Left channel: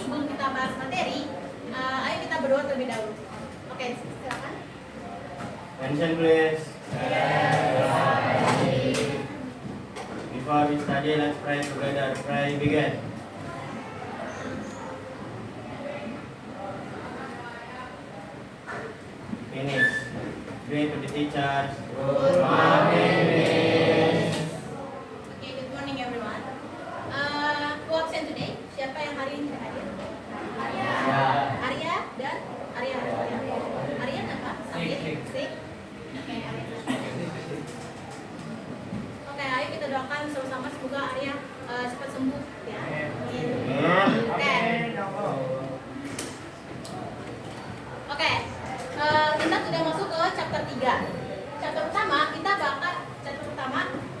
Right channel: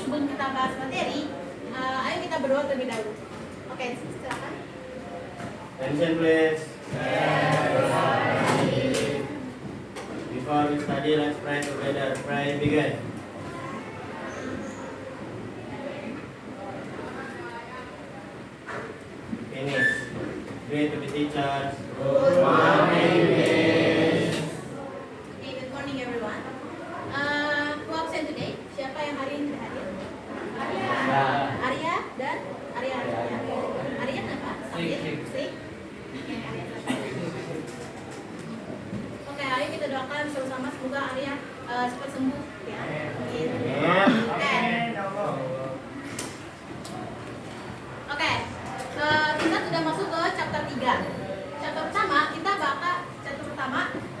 sebelum kita bahas materi, ayo kita berdoa terlebih dahulu. Oke, silakan. Attention please. Before we study, let's pray together. Pray begin. Finish. Greet to the teachers. Good morning, Miss. Okay, good morning everyone. Who absent today? Siapa yang hari ini tidak hadir? Arya. Arya dan Arya. Arya apa? Sakit. Sick. Oke, Arya. Oke, ayo kita doakan sama-sama semoga Arya cepat sembuh ya. Oke, kita sudah masuk ke chapter 3. Chapter pertama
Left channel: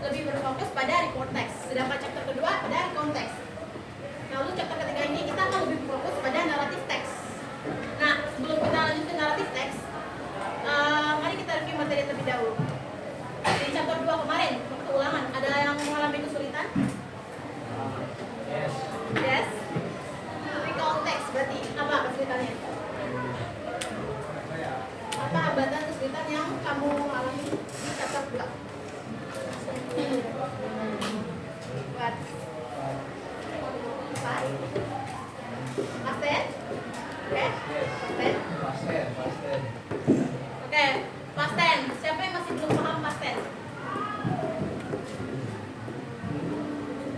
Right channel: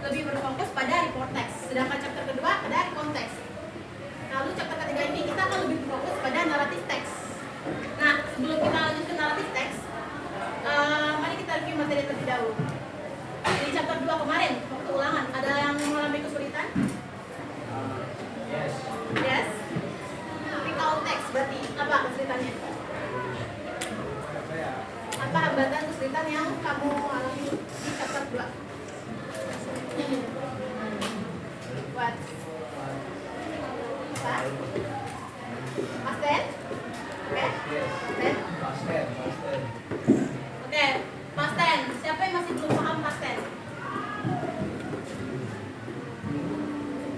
lebih berfokus pada report text, sedangkan chapter kedua pada konteks. Lalu chapter ketiga ini kita akan lebih berfokus pada naratif teks. Nah, sebelum kita lanjut ke naratif teks, mari kita review materi terlebih dahulu. Di chapter 2 kemarin, waktu ulangan, ada yang mengalami kesulitan? Yes. Recall text berarti apa kesulitannya? Apa hambatan kesulitan yang kamu alami di chapter 2? What? Apa? Past tense? Oke? Past tense? Oke, past tense. Siapa yang masih belum paham past tense?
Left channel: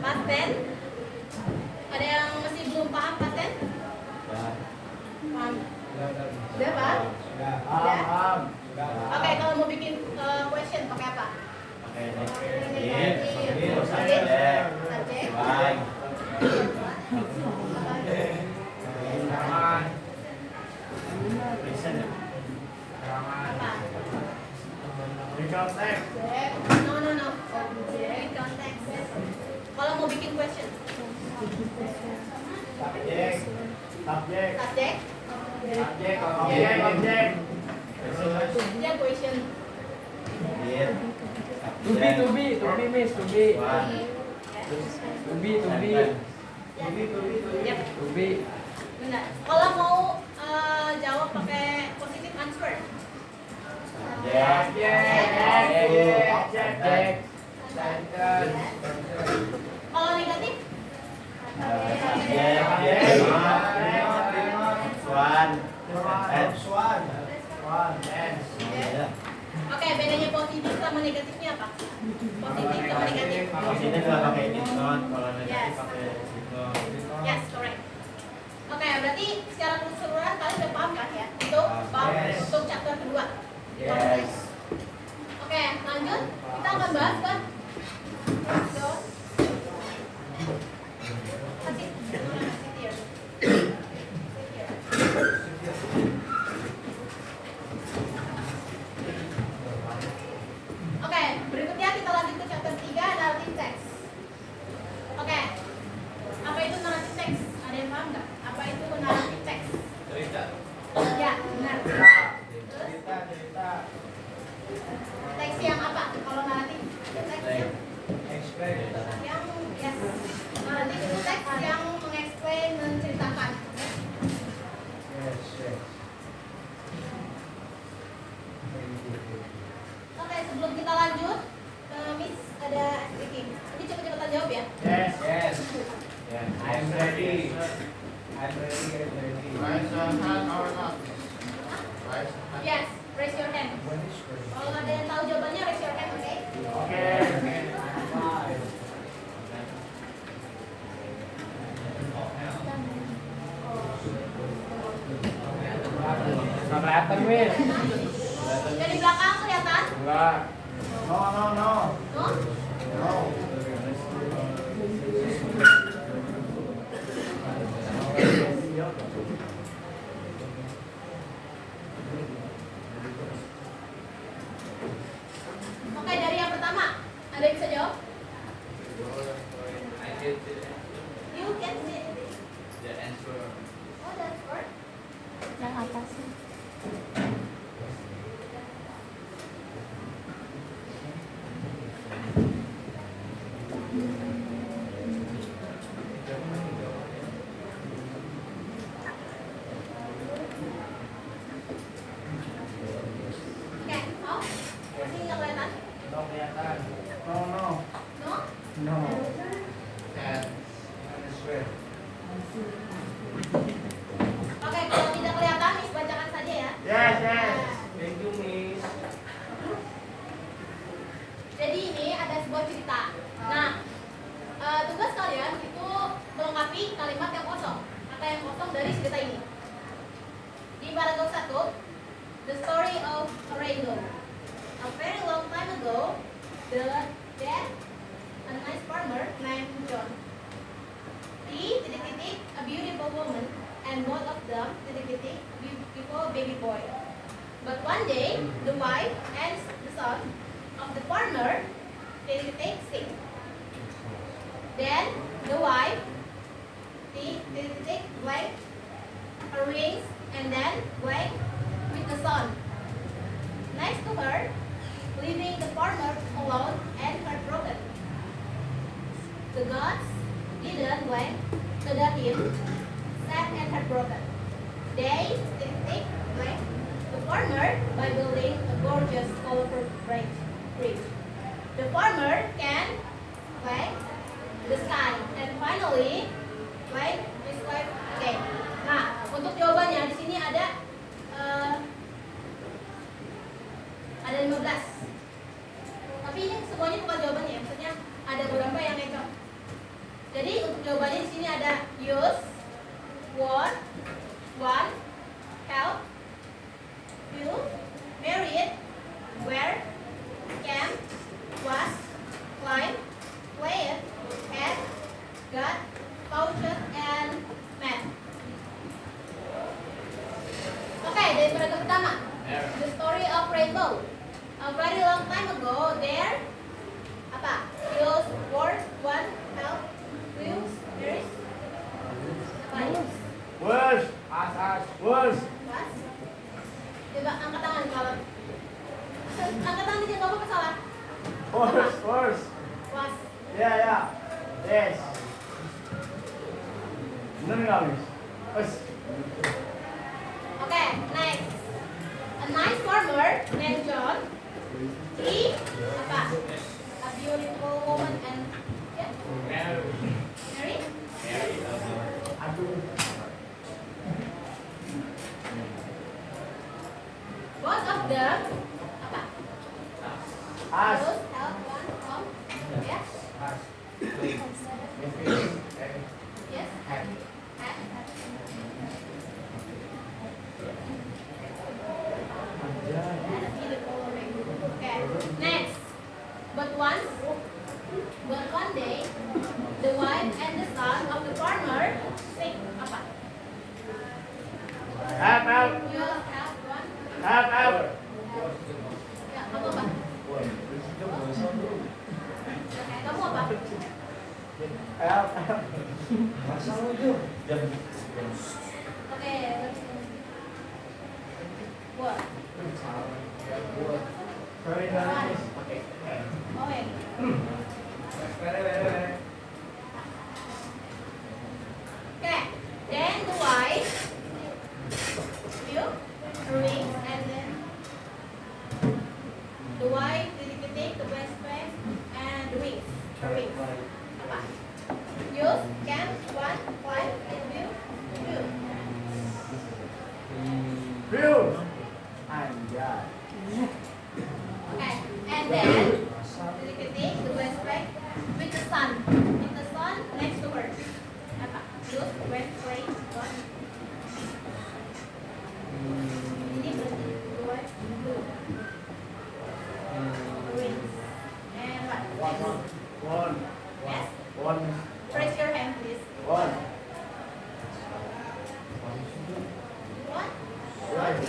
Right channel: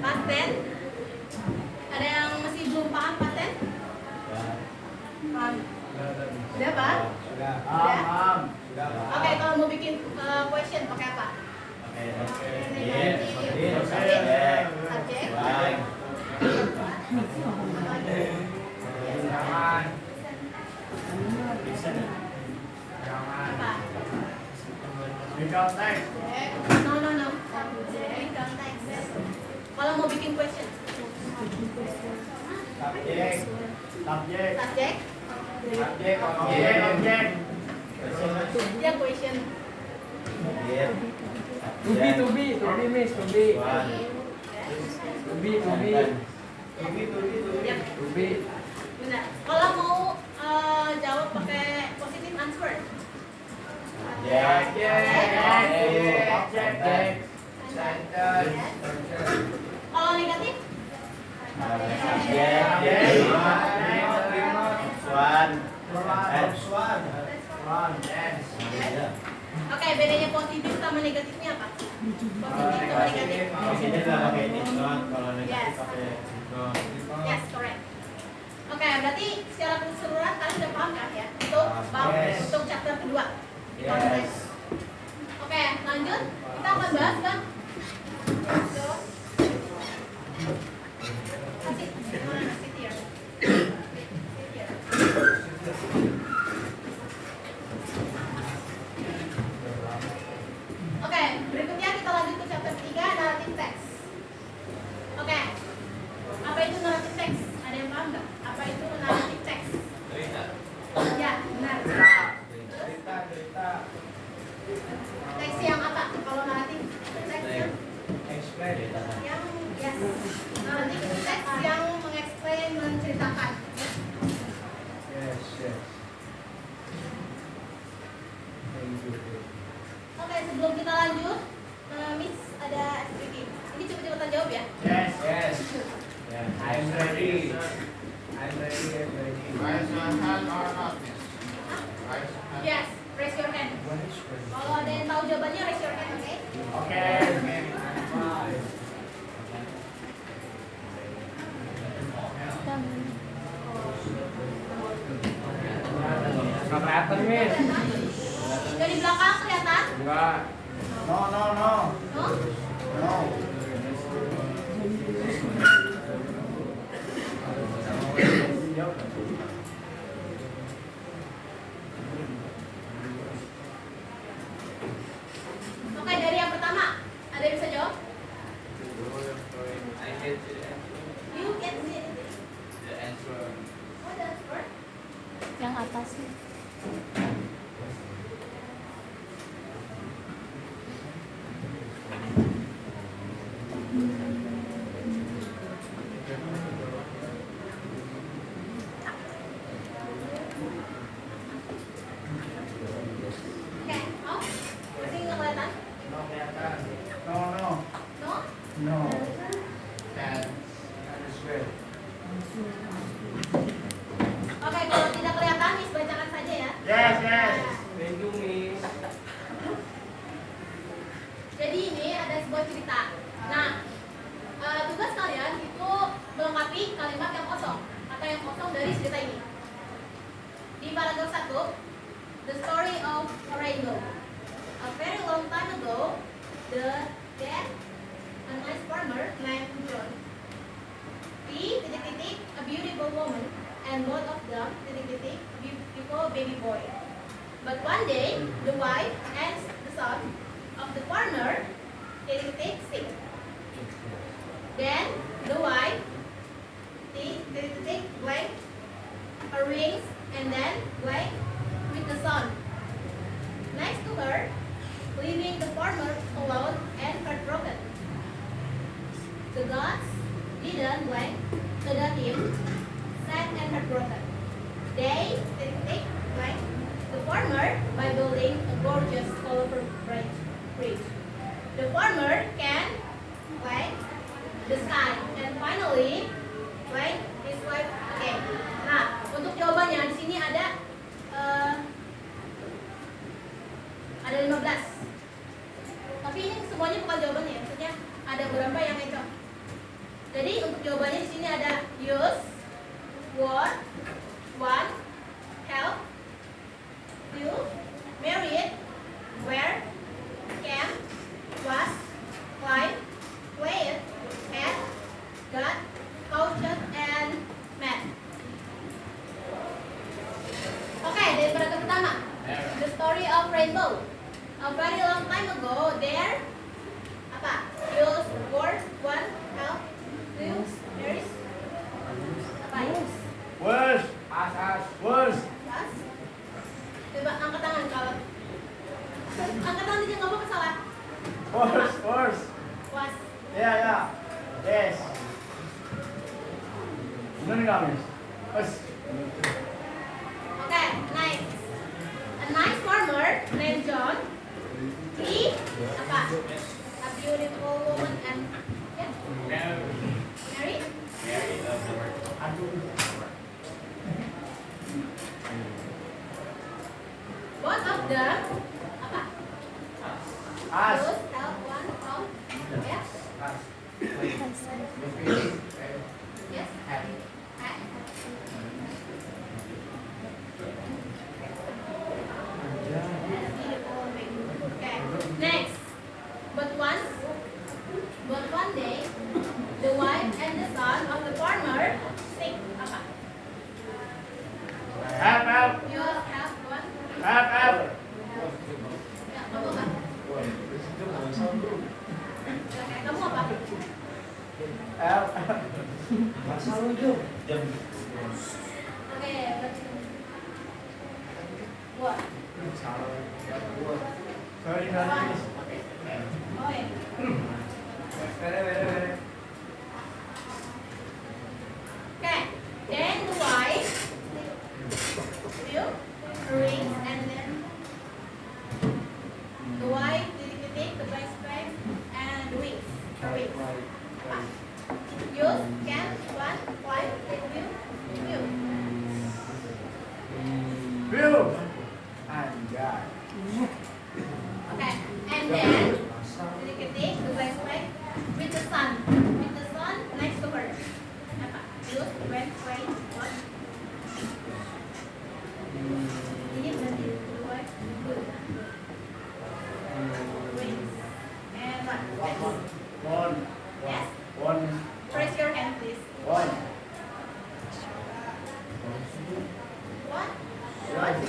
Past tense? Ada yang masih belum paham past tense? Paham? Sudah, Pak? Sudah? Oke, kalau mau bikin question pakai apa? Subjek. Apa? No. Subjek, konteks. Kalau mau bikin question? Subjek. Ya question. To be, miss, to be. Yap. To be. Benar. Kalau mau jawab pakai positive answer. Kalau negatif? Oke, bedanya positif sama negatifnya apa? Positif sama negatif. Positif lah pakai did not, kalau negatif pakai did not. Yes, correct. Oke, berarti secara keseluruhan kalian udah paham kan ya? Untuk chapter kedua. Yes. Oke, lanjut. Kita akan bahas kan? Oke, berikutnya kita lanjut ke chapter 3, narrative text. Oke, apa itu narrative text? Ada yang paham nggak? Apa itu narrative text? Ya, benar. Teks yang apa? Kalau naratif teks yang yes. Naratif itu teks yang mengeksplain, menceritakan. Oke, sebelum kita lanjut, Miss ada speaking. Ini cepat-cepatan jawab ya. Yes. I'm ready. Yes, raise your hand. Kalau ada yang tahu jawabannya, raise your hand, oke? Nggak kelihatan, miss. Dari belakang kelihatan? Enggak. No? Oke, dari yang pertama, ada yang bisa jawab? You can see anything? Oh, that's word? Yang atas. cerita ini. Di paragraf 1, the story of a rainbow. A very long time ago, there a nice farmer named John. He a beautiful woman, and both of them beautiful baby boy. But one day, the wife and the son of the farmer sick. Then the wife blank her rings and then blank with the son. Next to her, leaving the farmer alone and heartbroken. The gods didn't blank him, sad and heartbroken. They blank the farmer by building a gorgeous, colorful bridge. The farmer can blank the sky and finally blank his wife again. Nah, untuk jawabannya di sini ada 15. Tapi ini semuanya bukan jawabannya, maksudnya ada beberapa yang eco. Jadi untuk jawabannya di sini ada use, want, help, will, married, where, can, was, climb, played, had, got, coached, and met. Oke, dari paragraf pertama, the story of rainbow. A very long time ago, there apa? Use, word, want, help, will, married, apa? Use. Words. As. Words. Was. Coba angkat tangan kalau angkat tangan aja nggak apa-apa salah. Words. Was. Yeah. Yes. Bener nggak, Miss? Us. Okay, next. A nice farmer named John. He apa? A beautiful woman and yeah, married. Both of them apa? As. Both help one from yeah. Yes. Had. Okay. Next. But one day, the wife and the son of the farmer sick. Apa? Help. You have one. Help. Ya, kamu apa? Okay, kamu apa? Help. Masa lu Jum? Oke. What? Sorry, Miss. Oh ya. Okay. Then the wife will ring and then the wife take the best friend and the wings. Her wings. Apa? Use, can, want, wife, will. Bill. Anjay. Okay. And then take the best friend with the sun. With the sun next to her. Apa? Use, when, play, what? Ini berarti the wife will. Wings. And what? One. Yes? One. Press your hand, please. One. What?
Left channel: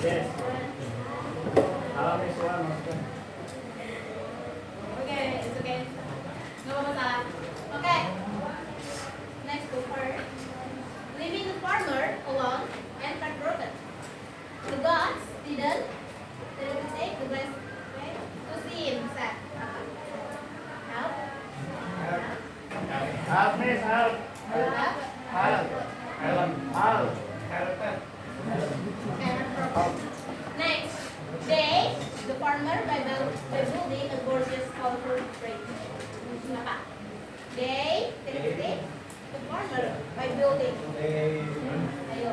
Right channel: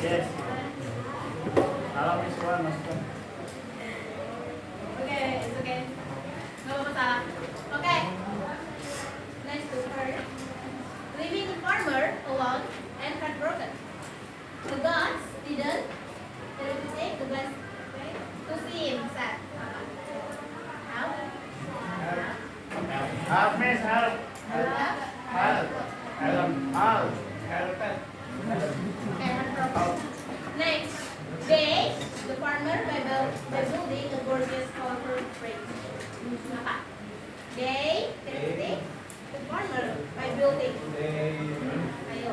Yes. Miss one. Okay, it's okay. Nggak apa-apa salah. Okay. Next to her. Leaving the farmer alone and heartbroken. The gods didn't take the best way to see him sad. Apa? Help? Help, Miss. Help. Help? Okay, no problem. Next, the farmer by building a gorgeous, colorful bridge. Apa? The farmer by building. Ayo,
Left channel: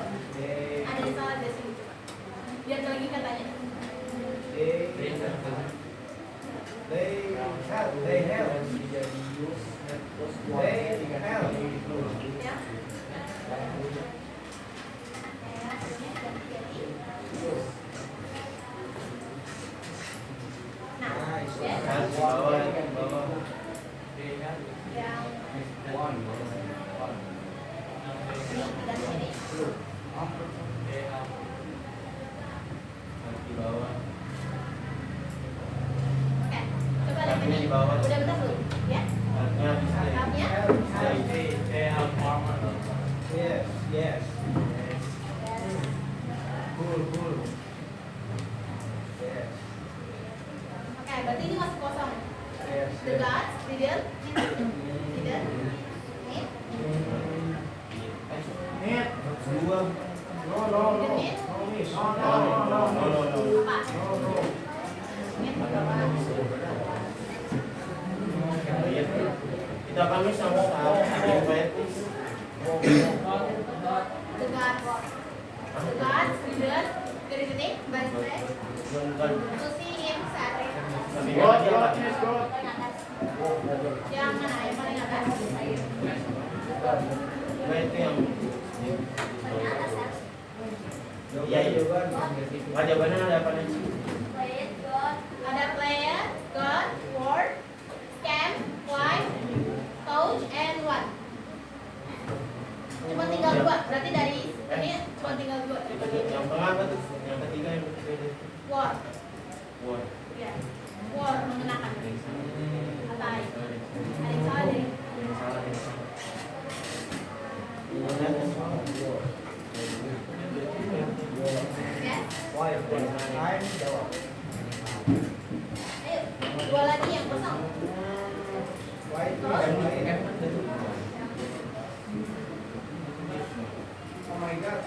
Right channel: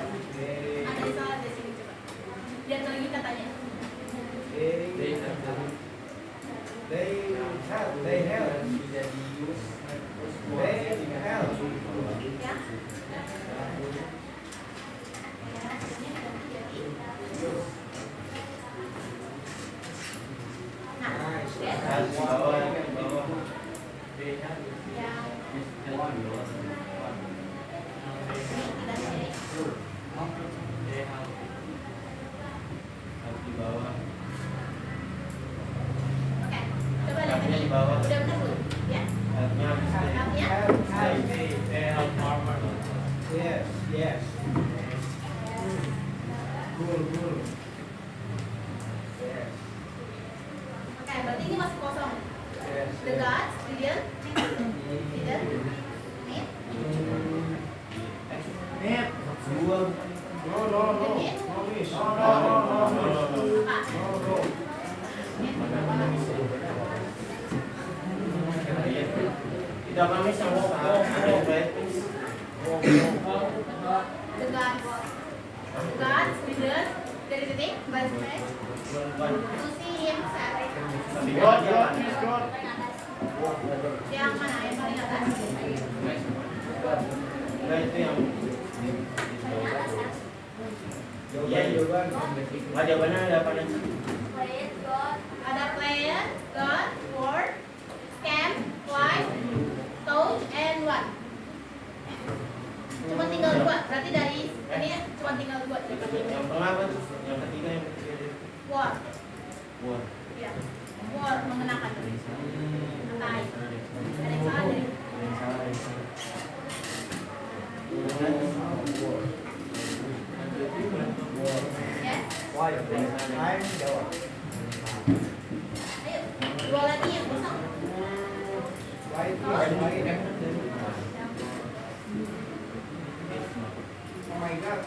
ada yang salah di sini coba. Lihat lagi katanya. Ya. bawah. Udah benar belum? Ya? Health-nya habis deh. Health-nya? Stay health farmer. Yes, yes. Cool, cool. Yes, Oke, berarti ini masih kosong. yes. The gods didn't meet. Net. Dua. No, no, no. No, miss. No, no, no, no. Apa? No, no. Meet. Kita kami sama baik. The gods didn't titik baris baris to see him sad. Yang mana? Yang paling atas? Nah itu yang Paling atas kan? iya iya. Jawabannya ada apa nih? Ada player, god, word, camp, wife, coach, and one. Cuma tinggal dua. Berarti dari ini cuma tinggal dua. Yang tengah apa tuh? Yang ketiga yang ketiga. Word. Wah. Ya. Word mengenakan. Atai. Ada yang salah dari. Yang salah ya. Ya. Why? I'm jawab. Ayo. Dua lagi yang kosong. Why? Oh my God.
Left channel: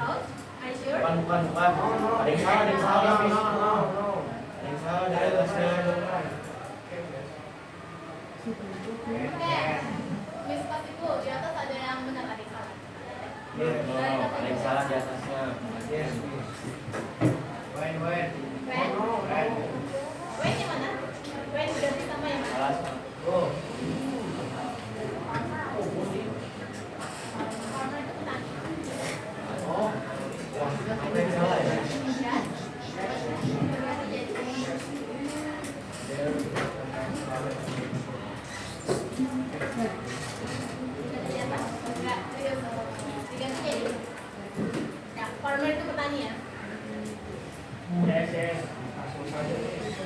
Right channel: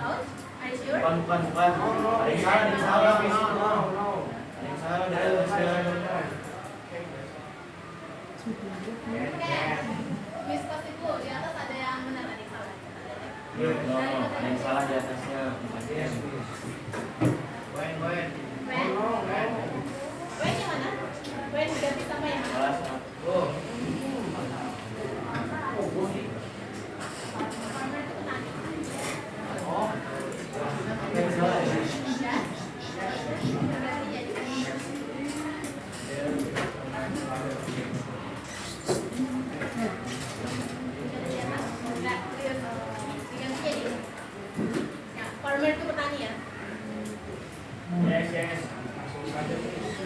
Coach. Are you sure? Bukan. Ada yang salah, No, no. Ada yang salah dari atasnya. Oke. Miss Kasiku, di atas ada yang benar, ada yang salah. No, ada yang salah di atasnya. Yes, miss. When? When? When yang mana? When ganti sama yang mana? Salah. Oh. Farmer itu petani. Oh. Ada yang salah ya. Ya. Berarti jadi. Di atas. Enggak, diganti jadi. Ya, farmer itu petani ya. Yes. Langsung saja.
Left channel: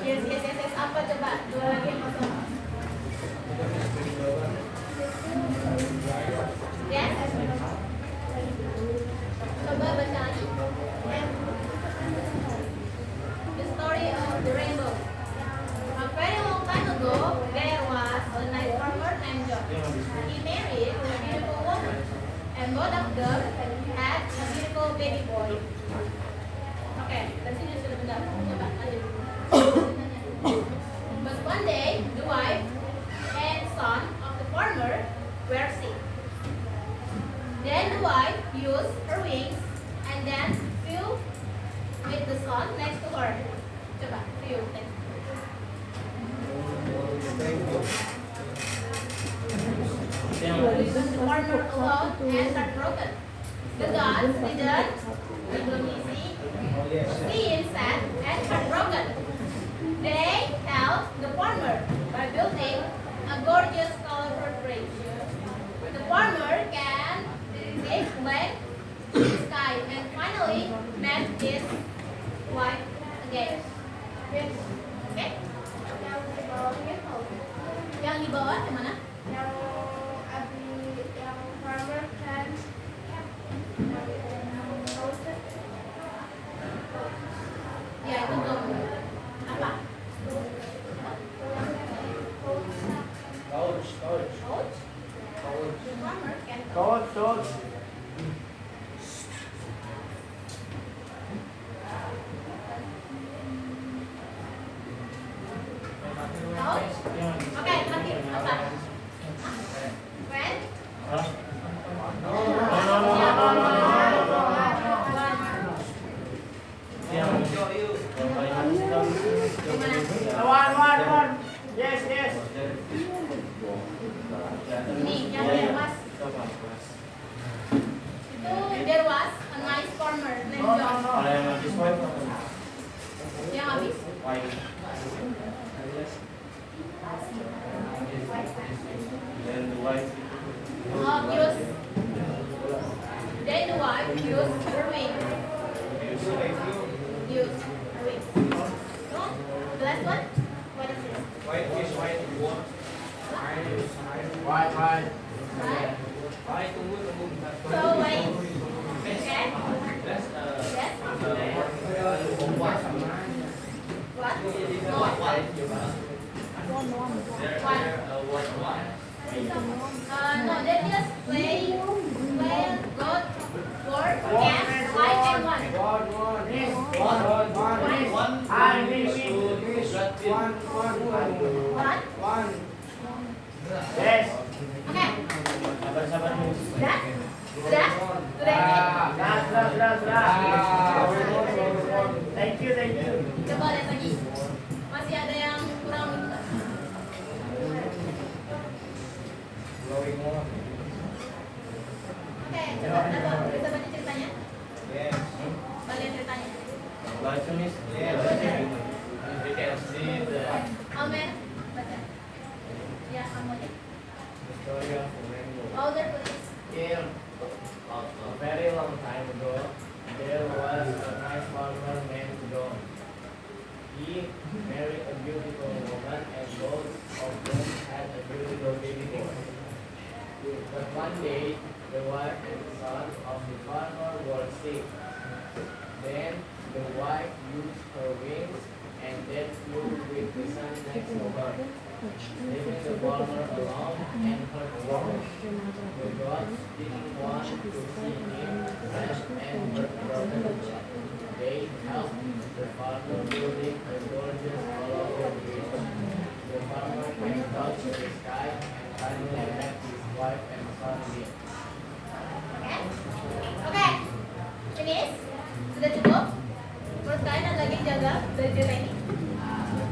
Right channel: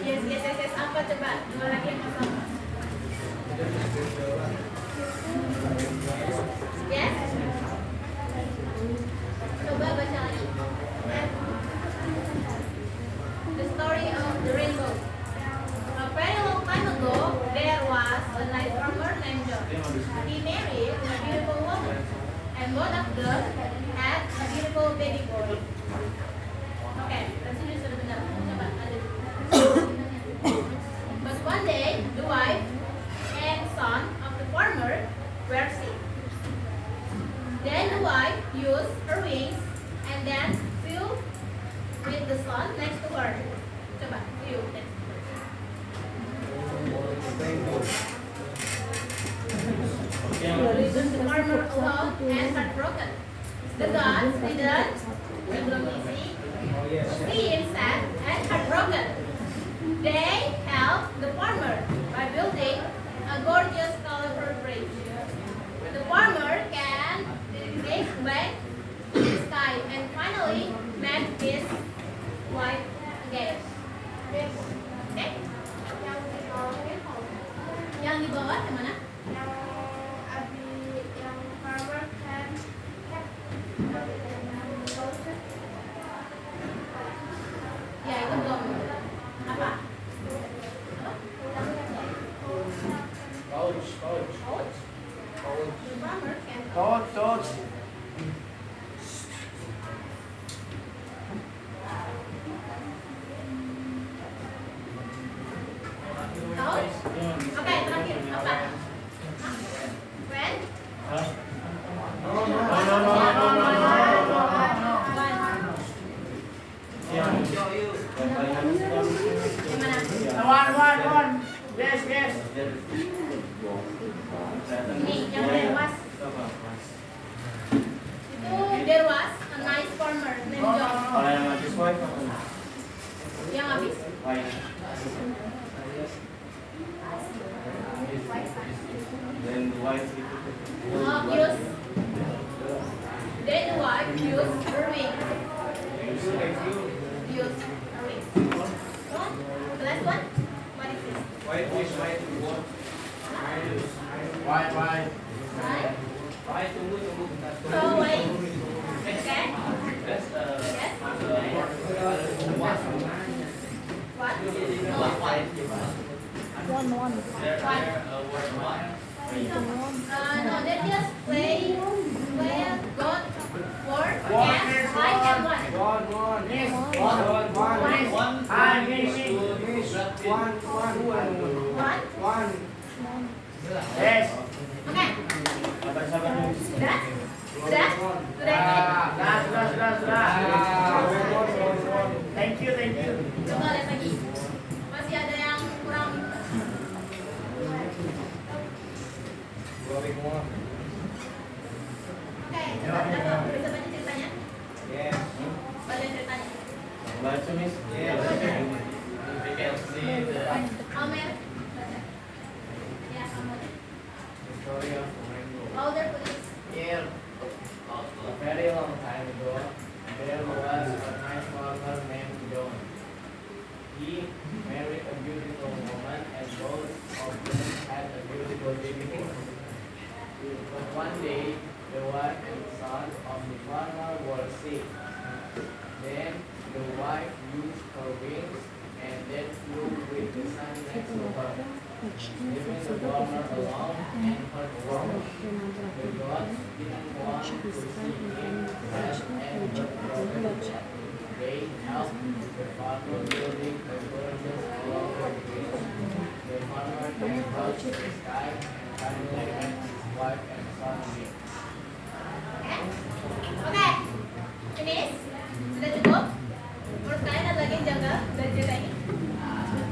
Yes. Apa coba? Dua lagi yang kosong. Yes. Coba baca lagi. The story of the rainbow. A very long time ago, there was a nice farmer named John. He married a beautiful woman, and both of them had a beautiful baby boy. Oke, dari sini sudah benar. Coba lanjut. But one day, the wife and son of the farmer were sick. Then the wife used her wings and then flew with the son next to her. Coba, flew next to her. Thank you. The farmer alone and heartbroken. The gods didn't belum easy. Oh, yes. See him sad and heartbroken. They helped the farmer by building a gorgeous, colorful bridge. The farmer can take back the sky and finally met his wife again. Okay? Yang di bawah yang mana? Ya itu belum. Apa? Coach. Coach? The farmer can Coach. Coach? Oke, terakhir apa? When? Hah? Yang paling habis itu Gimana? One. Yes. Ini yang dewas. Itu there was a nice farmer named John. Kalau yang habis wife apa? Yang habis Wife. Dan wife itu. use. Then the wife used her wing. Use her wing. So, the last one. What is this? White is white. White. Tunggu bentar. So wait. Okay. Yes. What? No. No, they just play God, word, yes, light and one. One. Yes. Okay. Sabar dulu. Sudah? Sudah? Sudah? Thank you. Coba lihat lagi. Masih ada yang kurang gitu. Oke, coba bisa baca ceritanya? Yes. Balik ceritanya. Baca nih. Amer, baca. Ya, kamu aja. Story of Fernando. Louder please. Here, a very long time ago, there was a nice farmer named John. He married a beautiful woman and both of them had a beautiful baby. But one day, the wife and son of the farmer were sick. Then the wife used her wings and then flew with the son next to her, leaving the farmer alone and her world. The gods didn't want to see him rest and her brother. They helped the farmer building a gorgeous flower bridge. The farmer then touched the sky and finally met his wife and son again. Oke. Finish? Sudah cukup? Menurut kalian ada lagi yang janggal dari cerita ini?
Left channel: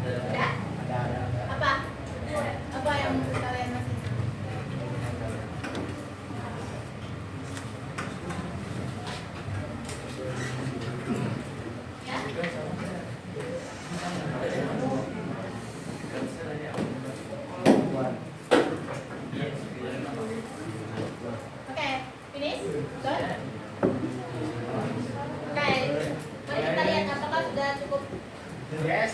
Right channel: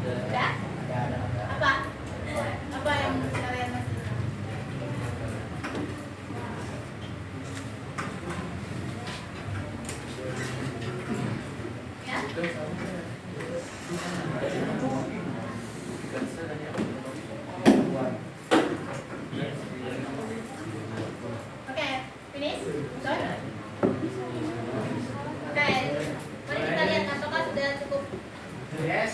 Sudah? Ada. Apa? Apa yang menurut kalian masih? Ya? Oke, finish? Done? Oke, mari kita lihat apakah sudah cukup. Yes.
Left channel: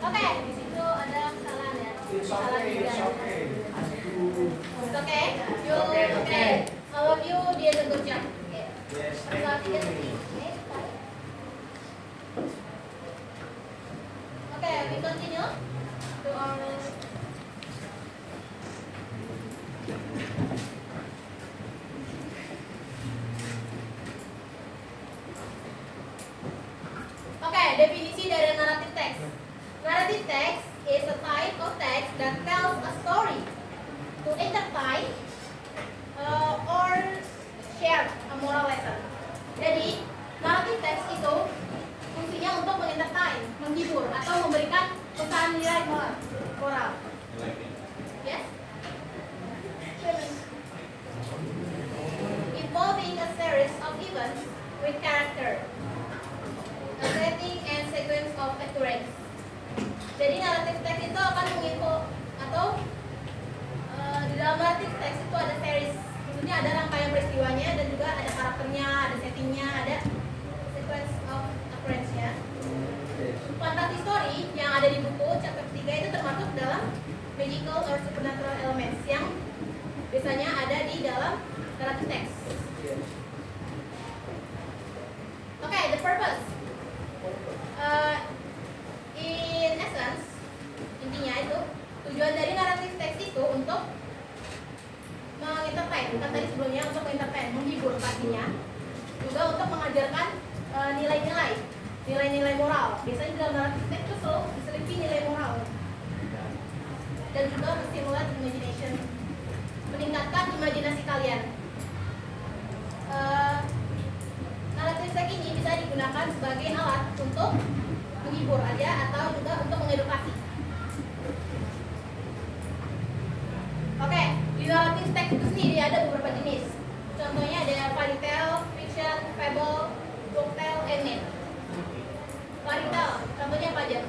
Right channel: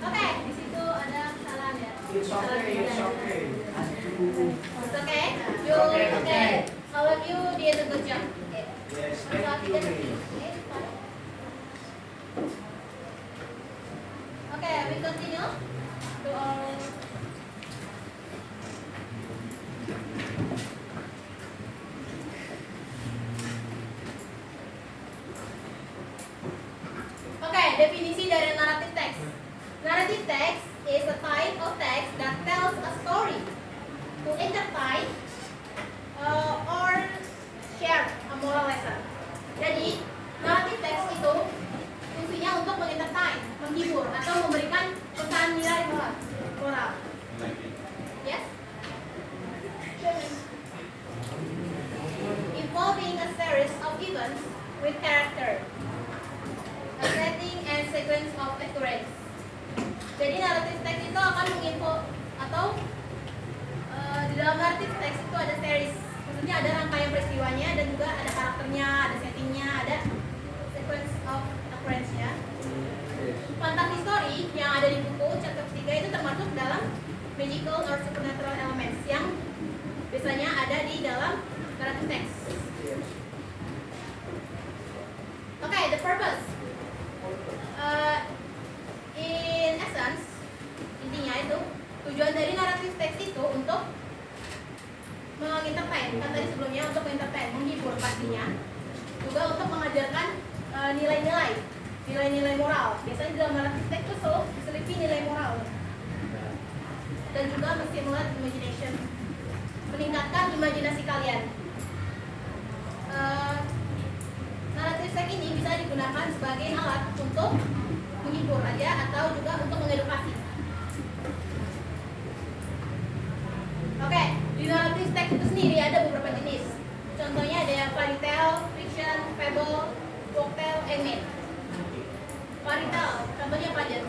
Oke, di situ ada kesalahan ya. It's okay. It's okay. You okay? All of you did a good job. Okay. Yes, So, thank you. okay, fine. Okay, we continue to our Oke, definisi dari narrative text. Narrative text is a type of text that tells a story to entertain or share a moral lesson. Jadi, narrative text itu fungsinya untuk mengentertain, menghibur, atau memberikan pesan nilai moral. Yes? Involving a series of events with character, a setting and sequence of occurrence. Jadi narrative text itu akan menginfo atau di dalam narrative text itu ada series, maksudnya ada rangkaian peristiwanya dan juga ada karakternya, ada settingnya, ada sequence of occurrence-nya. Fantasy story yang ada di buku chapter 3 itu termasuk dalam magical or supernatural elements yang biasanya ada di dalam narrative text. Okay, the purpose. In essence, intinya itu tujuan dari narrative text itu untuk mengentertain, kan tadi sebelumnya untuk mengentertain, menghibur pastinya, juga untuk mengajarkan nilai-nilai moral. Biasanya di dalam narrative text itu selalu diselipi nilai moral dan juga menstimulate imagination, meningkatkan imajinasi kalian. Narrative text ini bisa digunakan sebagai alat untuk menghibur aja atau juga untuk mengedukasi. Oke, di narrative text itu sendiri ada beberapa jenis. Contohnya ada yang fairy tale, fiction, fable, folktale, and myth. Fairy tale, contohnya apa aja?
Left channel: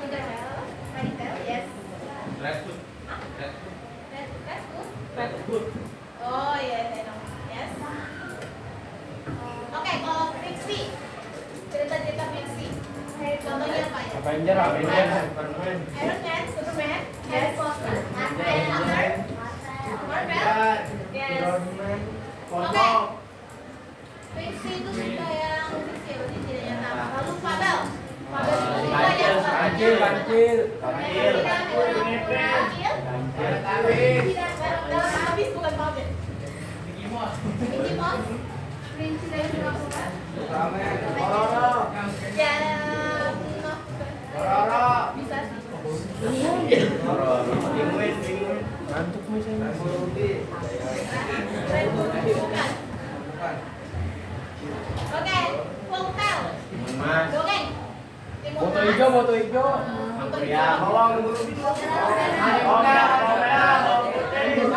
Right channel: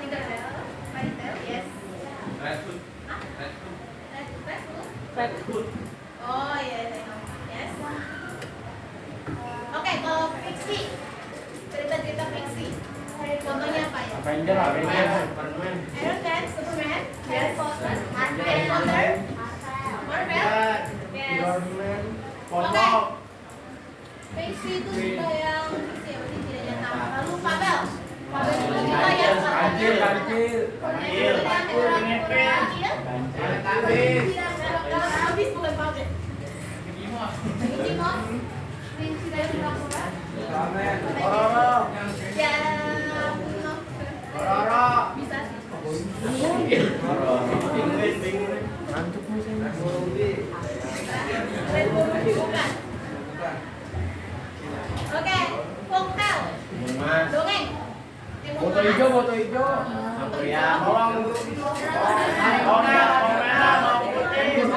Tinkerbell, fairy tale, yes. Hah? Red Hood? Oh yes, I know. Yes. Dalam habis bukan pautnya. Mickey Mouse. Kelinci dari kura-kura. Ya, bisa sih. Bukan. Oke, folktale. Dongeng. Foto hijau, foto hijau. Ya, bawang. Ya, bawang merah, bawang putih.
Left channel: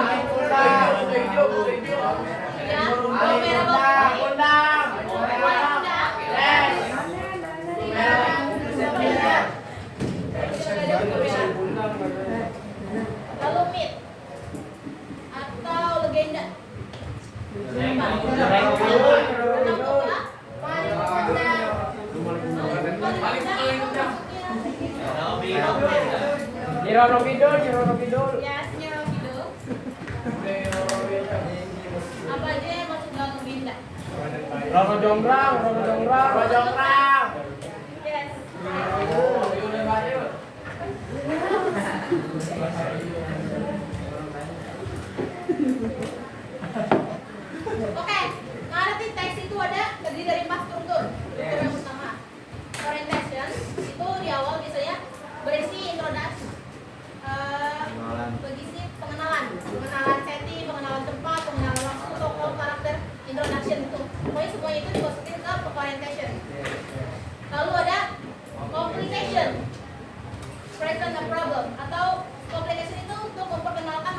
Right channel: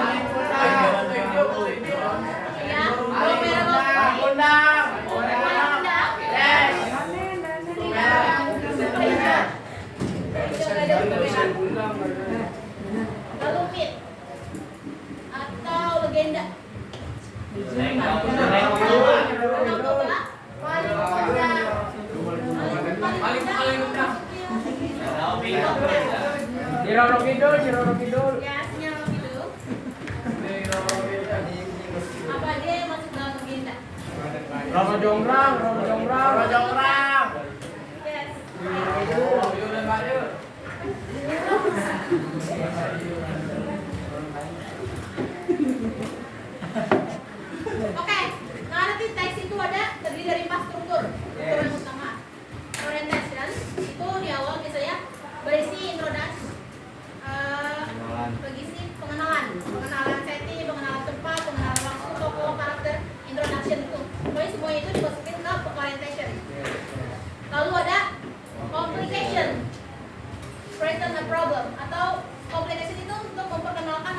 Lalu myth atau legenda. Nyirono Kidul, Nyirono Kidul. Ya, Nyirono Kidul. Apa aja yang masuk dalam legenda? Rono Jonggrang, Rono Jonggrang. Rono Jonggrang. Yes. Oke, narrative text itu terdiri dari 4 struktur. Struktur yang utama. Orientation itu di awal biasanya berisi introduksi, berisi pengenalan setting, pengenalan tempat, pengenalan waktu, tokoh, karakter, introduction itu. Pokoknya semuanya itu dimasukin ke orientation. Lalu ada complication, present a problem, atau complication itu untuk memperkenalkan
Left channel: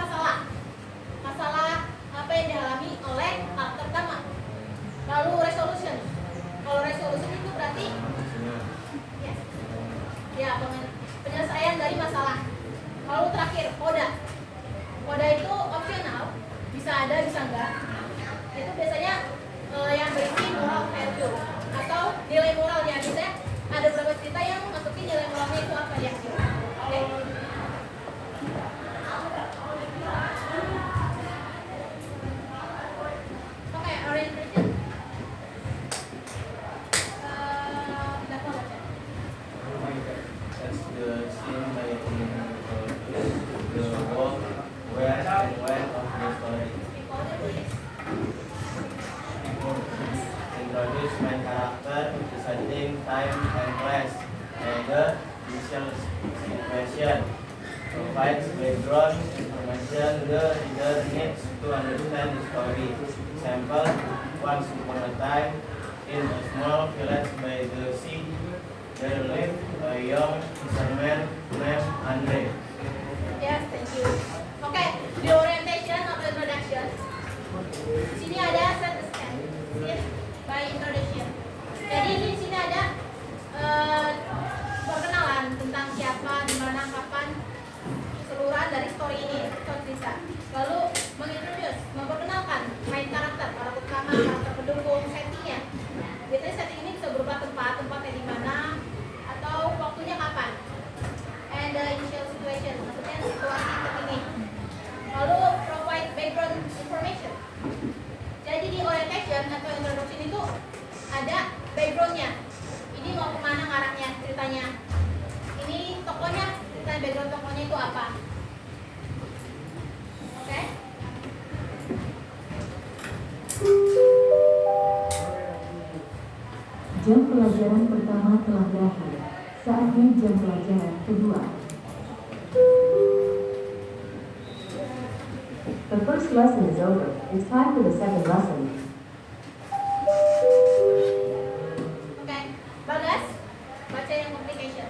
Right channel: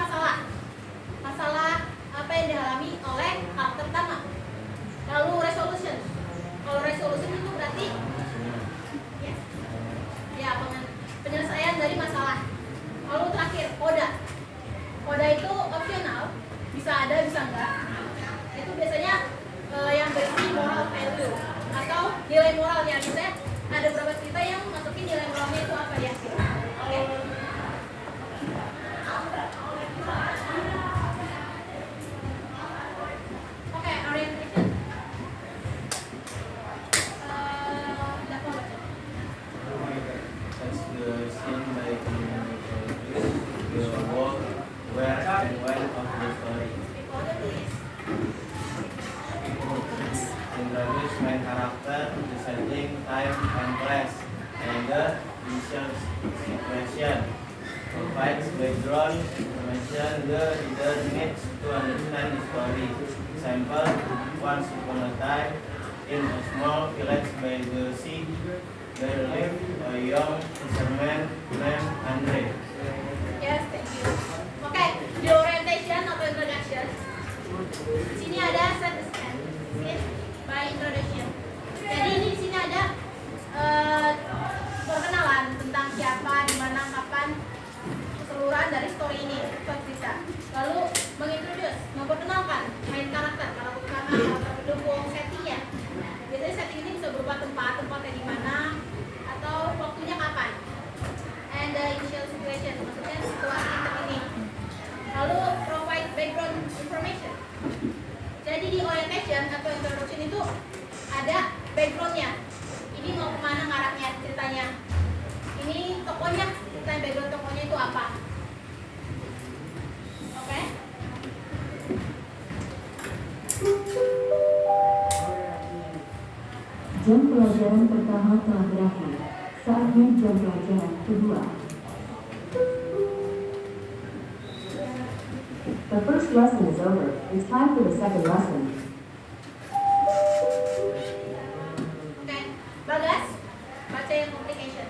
masalah apa yang dialami oleh karakter utama. Lalu resolution, kalau resolution itu berarti yes, ya penyelesaian dari masalah. Lalu terakhir koda itu opsional, bisa ada bisa enggak. Itu biasanya yang berisi moral value atau nilai moralnya. Biasanya ada beberapa cerita yang masukin nilai moralnya itu apa di akhir. Oke. Oke, orientation. Dapat baca. That's the scene like the world where and when of the story. People the tulis. Introduce main character, the setting, time, and place, and the initial situation. Provides background information the reader needs to understand the story. Example, once upon a time, in a small village by the sea, there lived a young fisherman named Andre. Yes, thank you. Oke, di orientation atau introduction. Di sini ada set the scene by introduction. Jadi di sini ada perkenalan tentang siapa, di mana, kapan, keseluruhan dari story ini, story cerita. Lalu mengintroduce, memperkenalkan main karakter utama, karakter pendukung, settingnya. Biasanya setting ini bisa berupa tempatnya di mana, atau waktunya kapan. And the initial situation, maksudnya situasi terkini. Lalu provide background information. Jadi di orientation atau introduction itu ada backgroundnya. Ini mau kemana ngarahnya ceritanya. Ini tokohnya, ceritanya background tokohnya itu apa. Oke? Jam pelajaran pertama telah berakhir. Saatnya jam pelajaran kedua. The first lesson is over. It's time for the second lesson. Oke. Bagas, baca yang complication.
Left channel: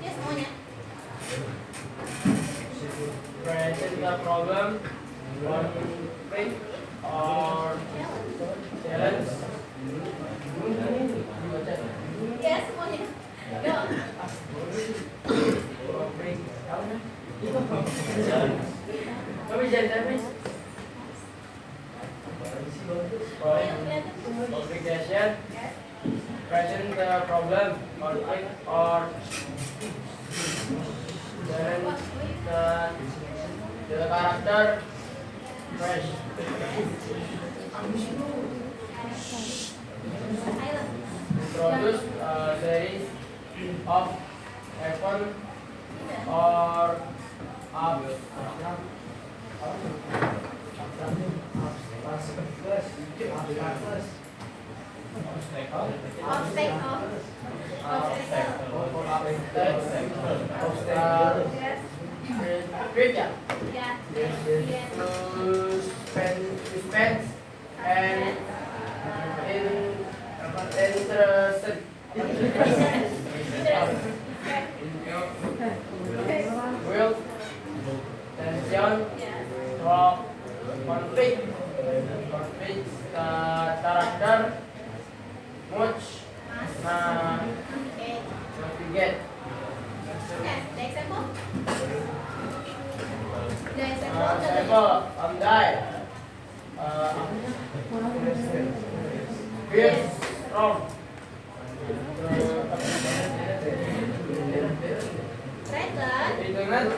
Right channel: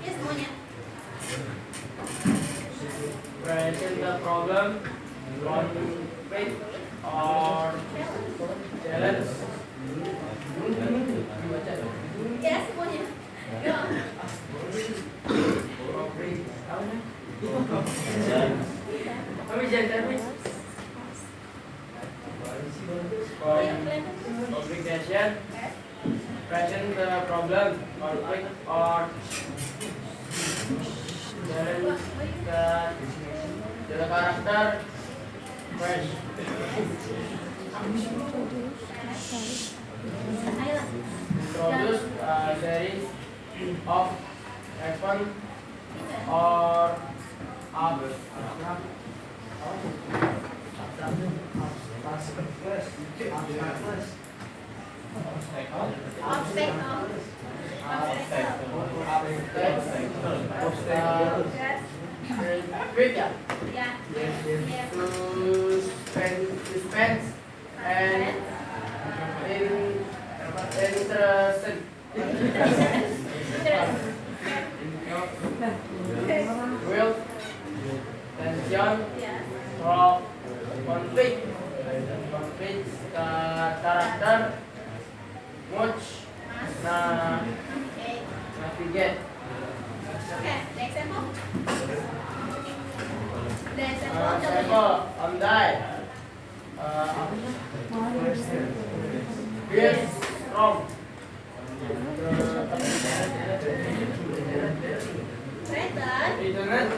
Ya semuanya. Present the problem, conflict, or challenge. Ya semuanya. Go. Conflict, apa nih? Kami jangan complication, present the problem, conflict, or challenge the character, fresh. series of 7 or Ya. Suspense and interested. Will tension from conflict character much navigate. Okay, the example. The example. Example on die Yes, from Threaten. internet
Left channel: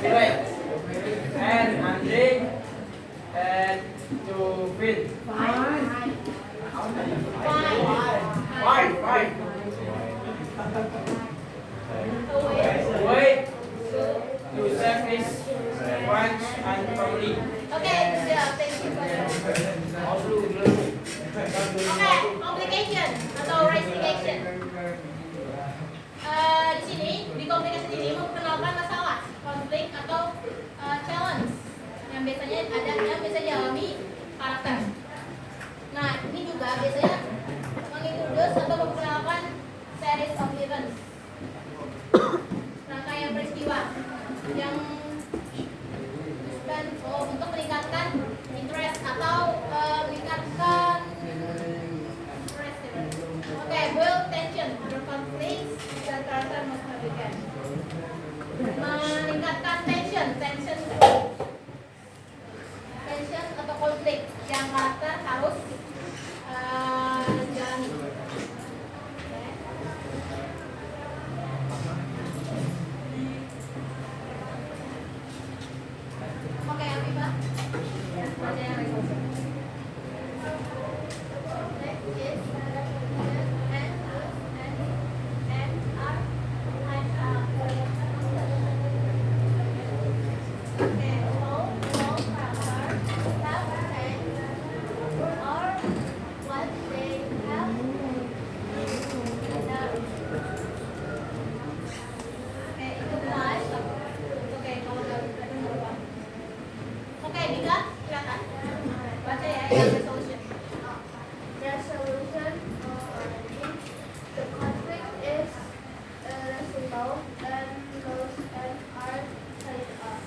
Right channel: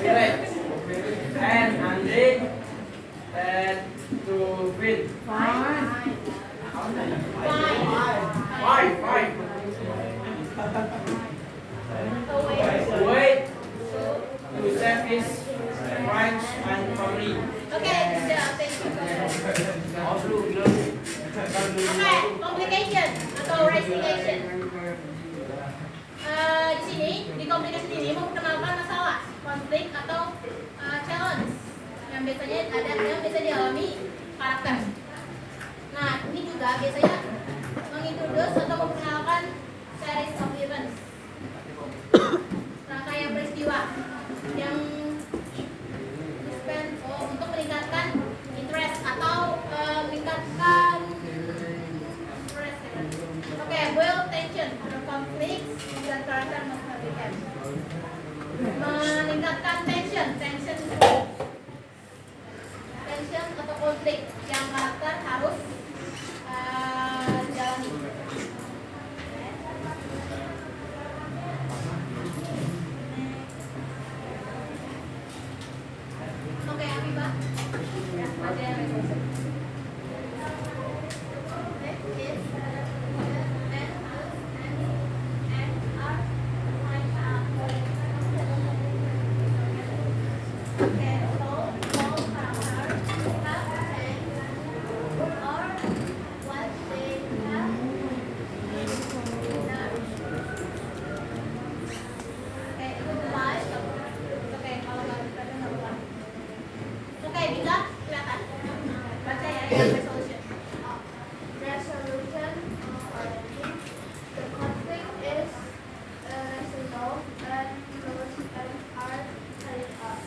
village and Andre and to win. Fine. Fight. Away. Wait to save his friends and family. Okay, sudah. Thank you. Oke, complication atau resignation. Di sini, di complication ini memperkenalkan masalah, konflik atau challenge yang biasa dialami karakter. Nah, ini juga biasanya mengintroduce atau memperkenalkan series of events, rangkaian peristiwa yang untuk meningkatkan interest atau meningkatkan Oke, build tension through conflicts dan karakter must navigate. Meningkatkan tension atau konflik yang karakter harus jalani. Oke, Afifah. Ya, baca yang resolusi. Next is adaptation and use and are and are. Okay, all characters have changed or what they have done. Okay, itu live. Oke, kalau nggak bisa nggak apa-apa. Oke, bisa kelihatan. Baca ya yang resolution. The solution the conflict is resolved and rules and are carried out.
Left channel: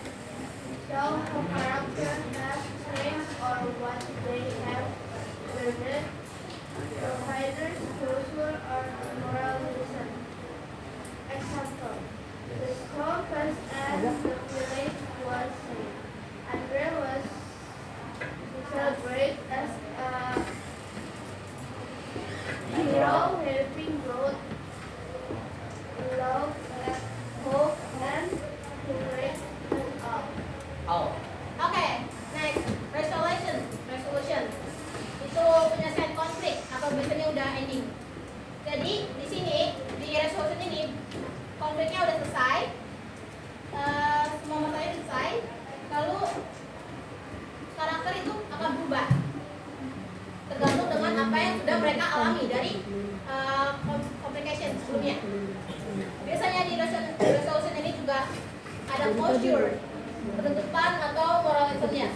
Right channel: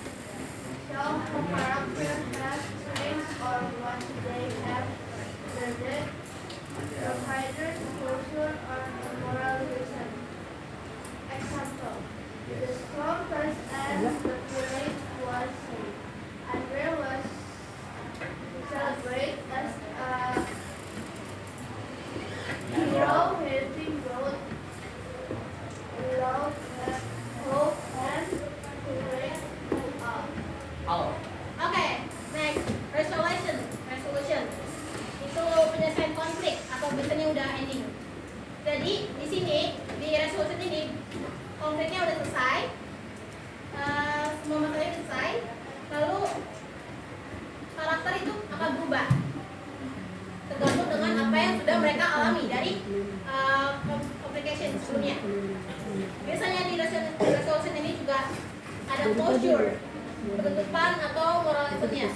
So the character has changed or what they have learned, provided social or moral reason. Example: the storm passed and the village was saved. Andre was celebrated as a hero, helping both love, hope, and courage out. Oke, next resolution itu penyelesaian konflik atau biasanya udah ending. Jadi di sini di resolution ini konfliknya udah selesai, semua masalahnya udah selesai, lalu karakter itu akan berubah tergantung dengan apa yang sudah mereka alami dari complication sebelumnya. Biasanya di resolution ini juga ada closure, penutupan atau moralismnya.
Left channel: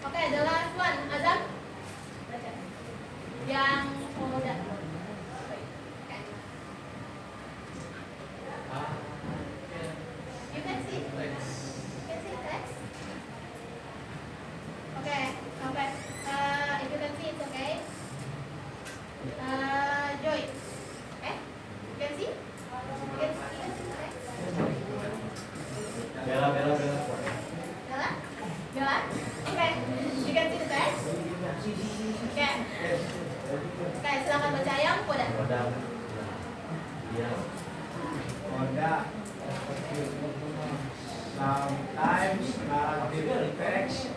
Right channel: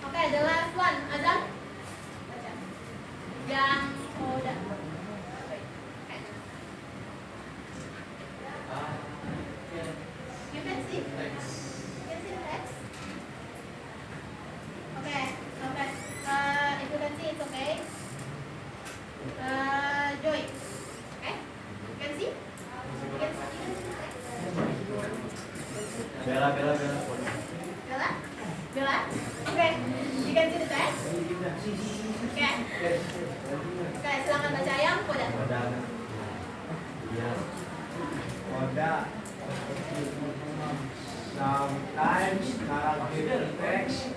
Oke, the last one, Azam. Baca. Yang udah. You can see. You can see the text. Okay, okay. If you can see, it's okay. Joy. Okay? You can see? You can see the text? Bella. Bella? Bella? Okay. You can see the text? Okay. Okay, silakan baca yang Koda. Kodam. Iya. Koda. Sometimes narrative text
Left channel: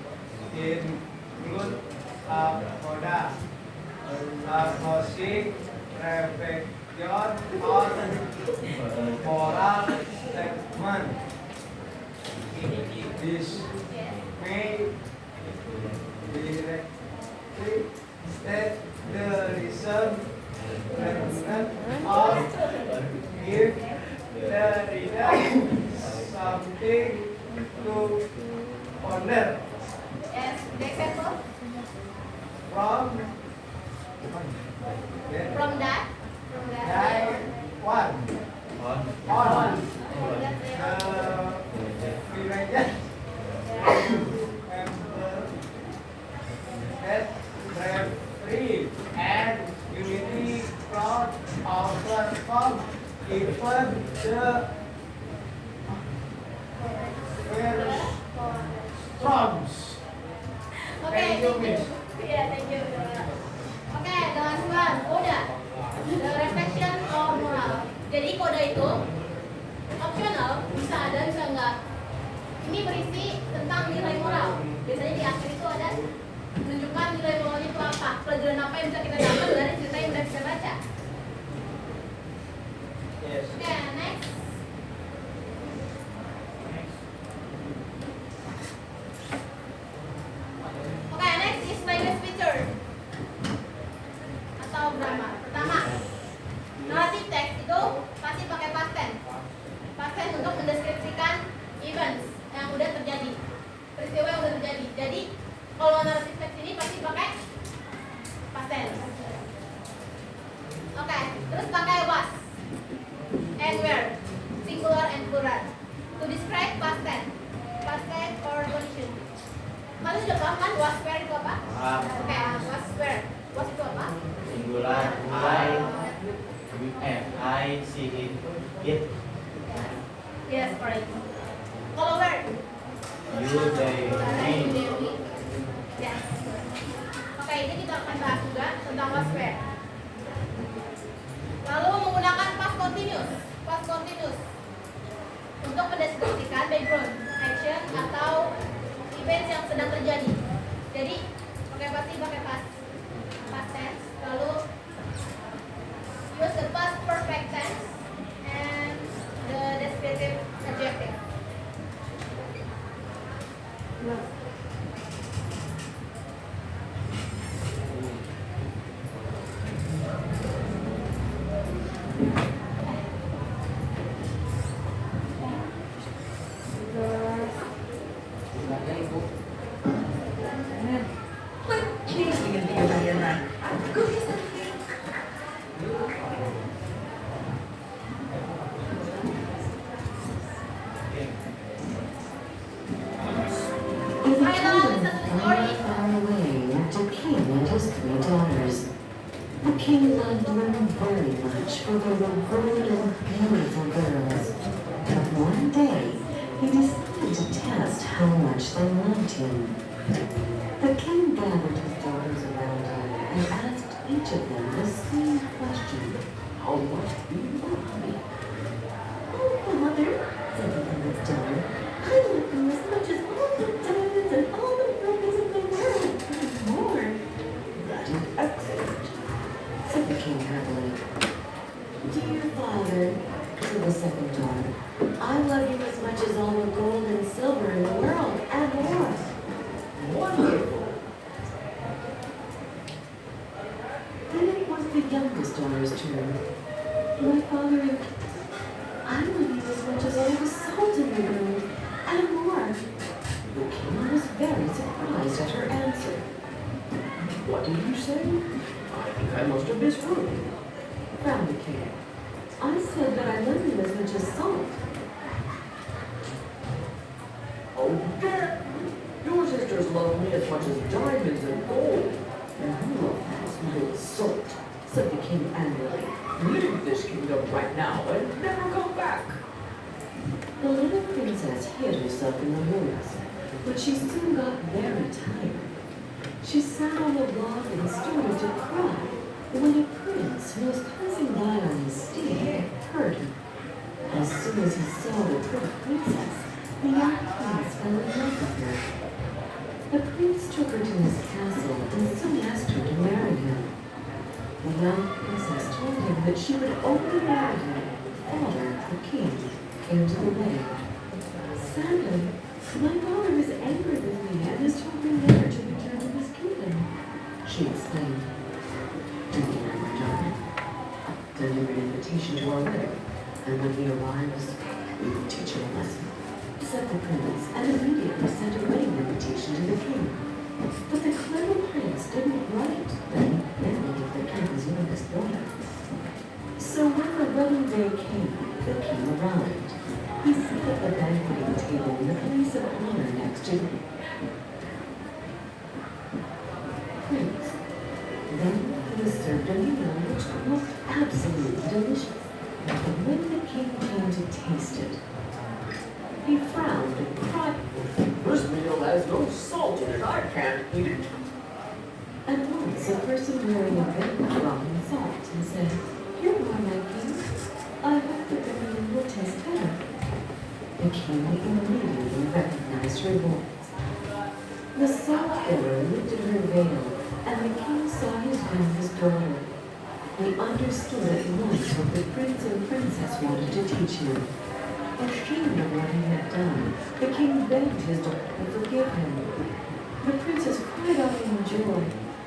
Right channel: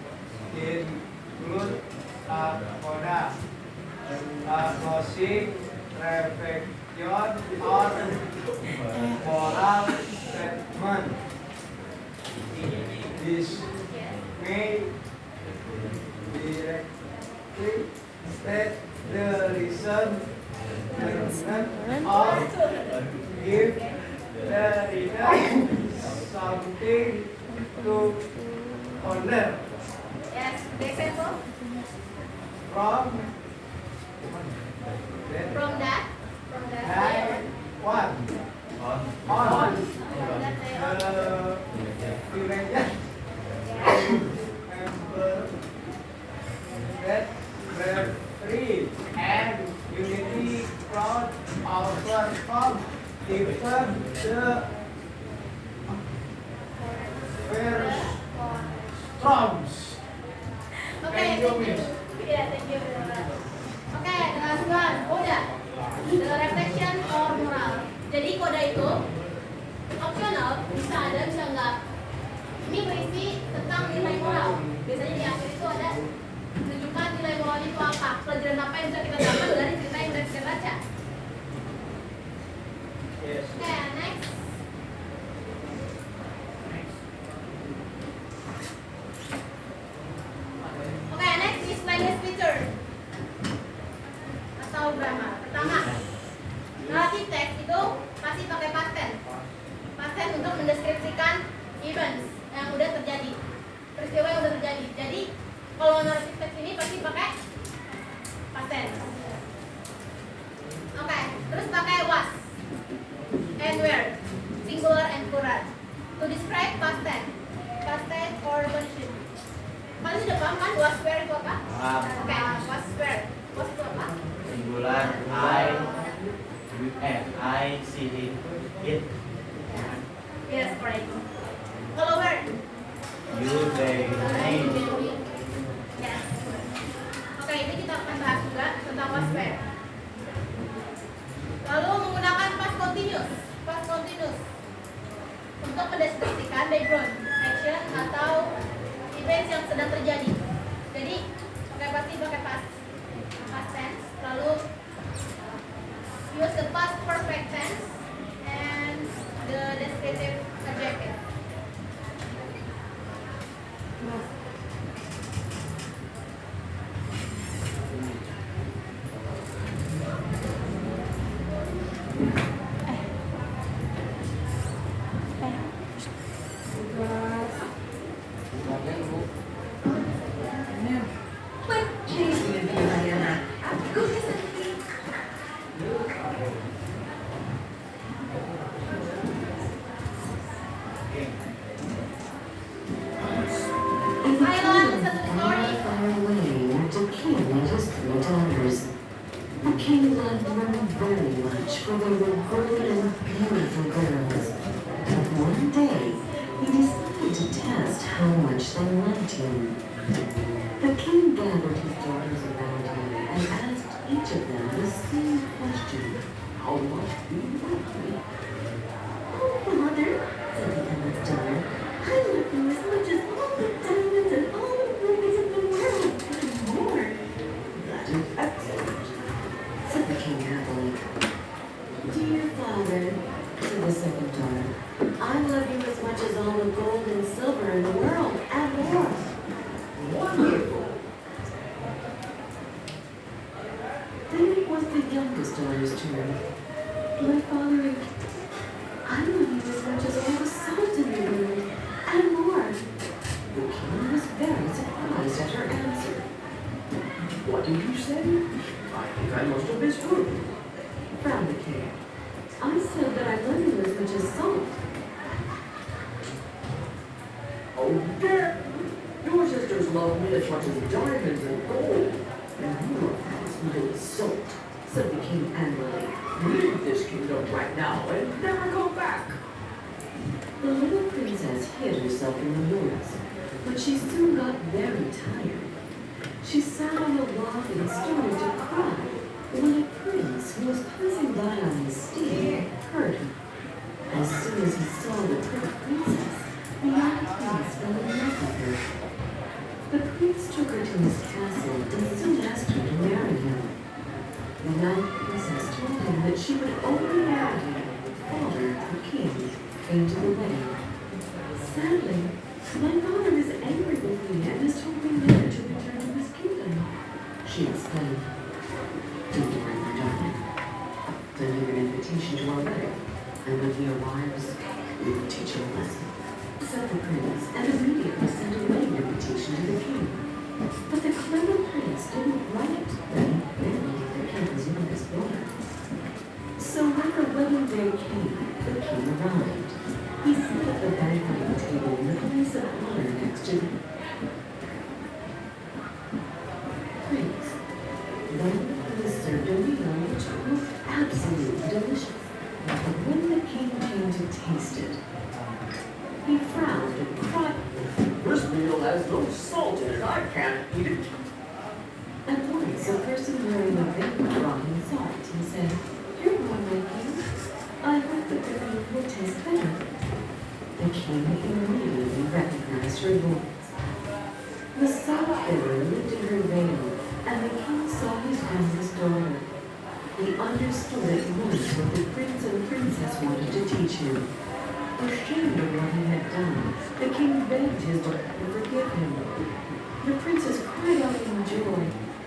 include a coda, a logic, reflection, or moral statement. This may directly state the reason or give the reader something to ponder. Yes, the example From from that day one on period member that referee and unity crowd outperform even the very storms. Okay, Thank you, Miss. Yeah, thank you. Okay, the last one, koda. The reflection or moral. Jadi koda itu optional, bisa ada, bisa enggak. Ini berisi tentang nilai moral. Biasanya di akhir itu ada menunjukkan nilai moralnya itu apa, pelajaran apa yang bisa kita dapat dari cerita yang udah kita baca. Yes. Okay, next. Okay, next is language feature atau grammar. Pertama, narrative text itu pasti pakai past tense. Past tense untuk mendeskripsikan events yang udah terjadi, peristiwa yang udah terjadi. Jadi kalau narrative text ini pasti pakai past tense. Oke, terus pakai was and where, singular and plural, to describe past tense or condition. Kalian udah paham kan was where itu apa? Paham. Oke, was where, was itu apa? Singular I see it. Yes, correct. Kalau where? You they me. Yes. Oke, ini kita akan bahas juga tentang was where. Lalu menggunakan past continuous untuk mendeskripsikan background, action atau events yang sedang terjadi. Jadi pasti pakai past tense, lalu use the past perfect tense and the descriptive adjective. As a child, not far away lived a king and his 3 daughters. The king loved them very much, for they were good and beautiful girls. But one day, he decided to test how much they loved him. The king gathered his daughters around him and asked each of them the same question. How much do you love me? Oh, Father, said the youngest daughter, I love you as much as all the diamonds and all the rubies in the world, and more. That is excellent, said the king happily. Dear father, said the second daughter, I love you as much as all the gold and silver in the world, and more. Wonderful. Then it was the youngest daughter's turn. My father, I love you as much as all the salt in the world, and more. The king was very surprised at her answer. What did you say? I think I must have misheard. Frowned the king. I said that I love you as much as salt. Oh, Dad! Your sisters love me as much as diamonds and gold. And you love me as little salt, said the king angrily. Leave this kingdom right now and never come back. The little princess hid herself in the woods, but she soon got very tired. She sat on a log and started to cry when a prince who was passing by on his steed heard her. As soon as he saw the only Melody, father of the king, came to the wedding. Sadly, my father is angry with me and has told me never to return to his kingdom, she explained. Don't worry, my darling. I've sent him an invitation to our wedding, and when he arrives, we will teach him a lesson, said the prince, and immediately sent a wedding invitation to the king. But the clever prince didn't write that he married the king's youngest daughter. So when the wedding day came, the king arrived. He sat at the banqueting table in the place of honor next to the prince. Then he was served a meal which was absolutely delicious. But when the king came to taste it, he frowned and cried, This meal has no salt in it. I can't eat it. At once a person wearing a veil brought him salt and said, Here, my king, I hope that the meal will taste better. The king immediately recognized her voice. The salt bearer lifted her veil, and the king saw his youngest daughter. He understood at once what the prince and princess wanted to teach him. Ashamed of what he had done, the king begged his daughter to forgive him. The princess cried out in joy,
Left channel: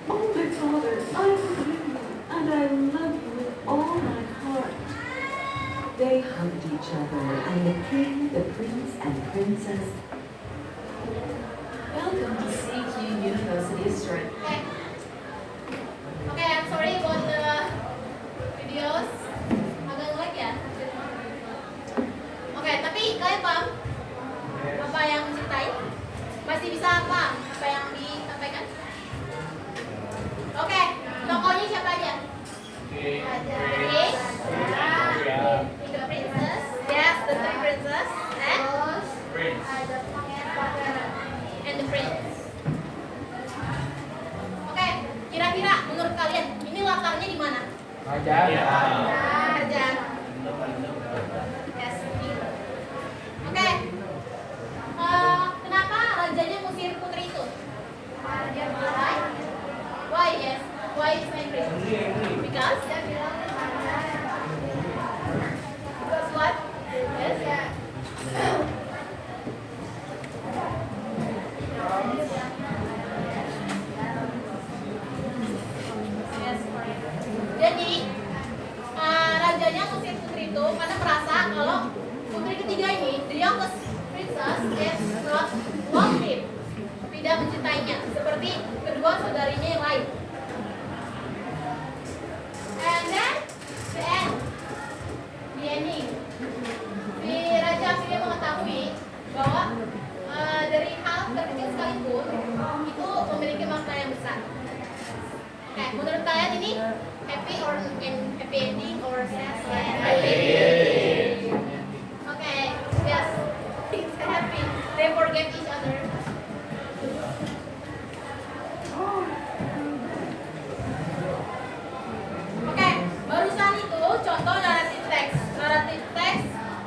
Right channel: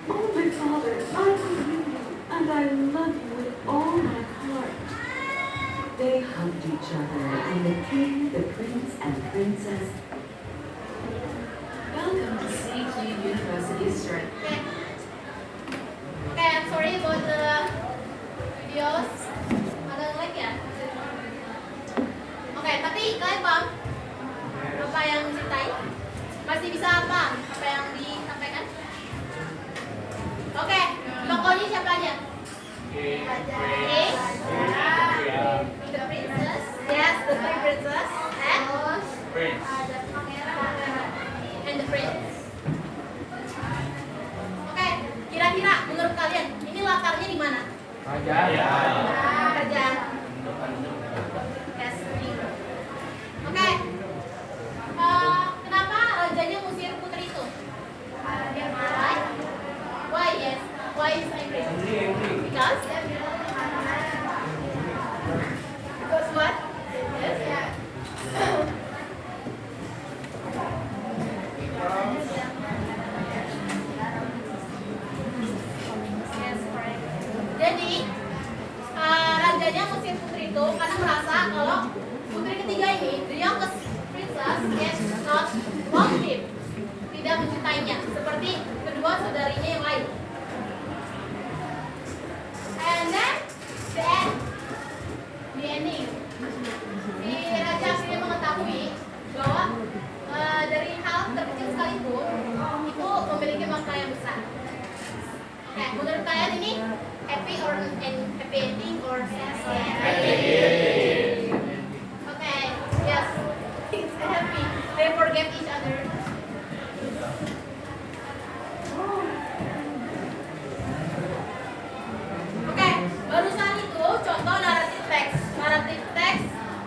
Oh, my father, I forgive you, and I love you with all my heart. They hugged each other, and the king, the prince, and princess. Welcome to CQ University Story. Okay, I'm sorry about the videos. Agak lag ya. Oke, tapi kalian paham apa yang diceritain? Masih bisa paham apa yang disampaikan? Oke, tokohnya siapa aja? The princess. Yes, the three princess. And the prince. Oke, kira-kira menurut kalian ini latarnya di mana? Kerajaan. Yes, gitu. Oke. Kenapa rajanya ngusir putri itu? Why? Yes. Why is angry? Because what? Yes. Yes, correct. Jadi rajanya ngusir putri itu karena merasa kalau putri ketiga ini, the youngest princess, is not love him, tidak mencintainya seperti kedua saudarinya yang lain. And then the end, the ending. Si raja akhirnya mengetahui bahwa dari hal terkecil sekalipun itu memiliki makna yang besar. Oke, menurut kalian ini happy or happy ending or sad? Happy ending. Oke, yes, it's happy. They forgave each other. Oke, barusan itu contoh naratif teks. Naratif teks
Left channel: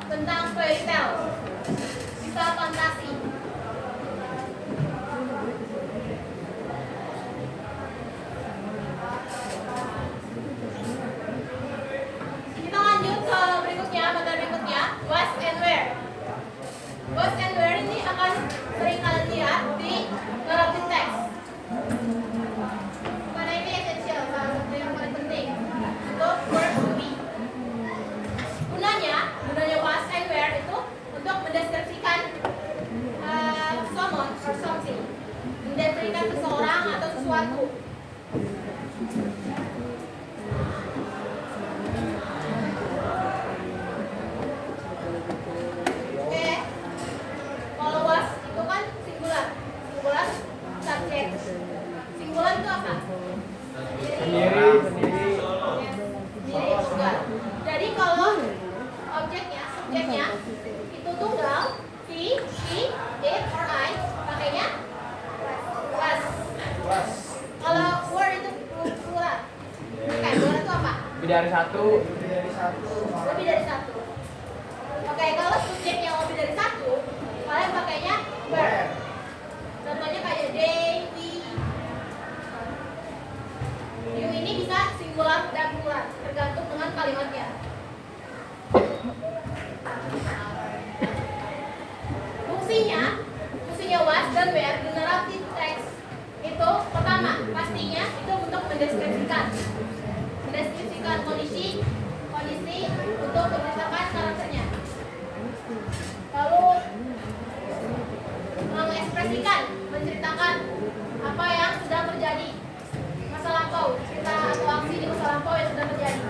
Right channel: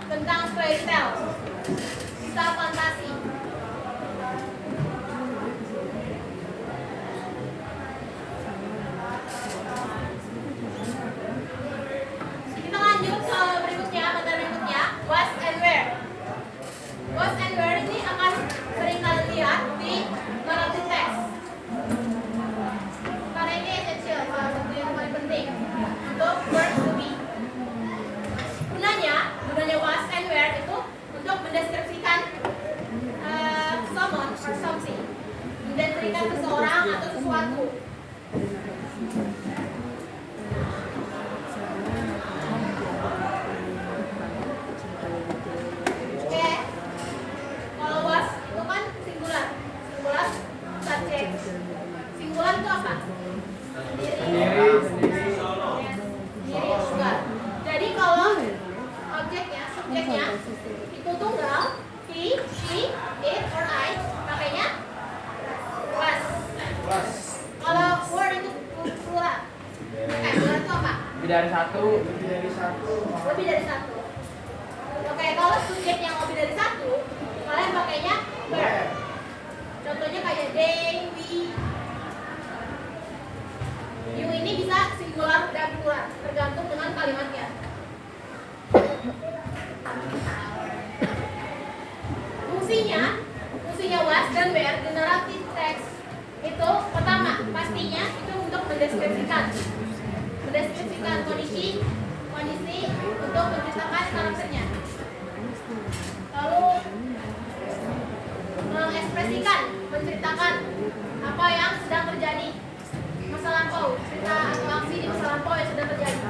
tentang fairy tale, kisah fantasi. Kita lanjut ke berikutnya, materi berikutnya, was and where. Was and where ini akan sering kalian lihat di naratif teks. Karena ini esensial, salah satu yang paling penting untuk word to be. Gunanya was and where itu untuk mendeskripsikan someone or something, mendeskripsikan seseorang atau sesuatu. Oke, kalau was itu kan singular subject. Singular itu apa? Sendiri. Sendiri tunggal. Jadi kalau objeknya, subjeknya itu tunggal, he, she, it, or I, pakainya was. Kalau word itu plural. Oke, plural itu apa? Lebih dari satu. Lebih dari satu. Oke, kalau subjeknya lebih dari satu, kalian pakainya were. Contohnya kayak they, we. You ini bisa singular dan plural, tergantung dengan kalimatnya. Fungsinya was dan were di narrative text itu pertama pastinya itu untuk mendeskripsikan kondisi untuk menceritakan karakternya. Lalu mengekspresikan, menceritakan apa yang sedang terjadi, masa lampau, cerita atau aksi di masa lampau yang sedang terjadi.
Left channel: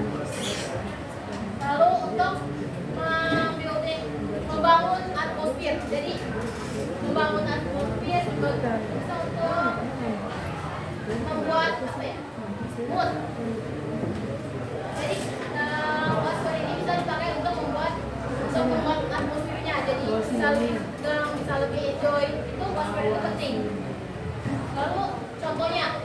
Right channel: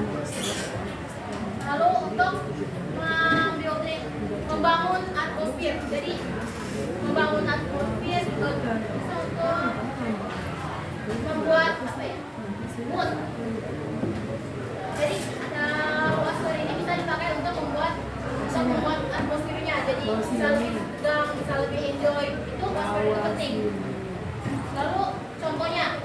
Lalu untuk membangun atmosfer, jadi membangun atmosfer bisa untuk membuat apa ya, mood. Jadi was-was ini bisa dipakai untuk membuat atmosfernya, jadi bisa lebih tegang, bisa lebih enjoy. Itu was-was itu penting. Lalu contohnya,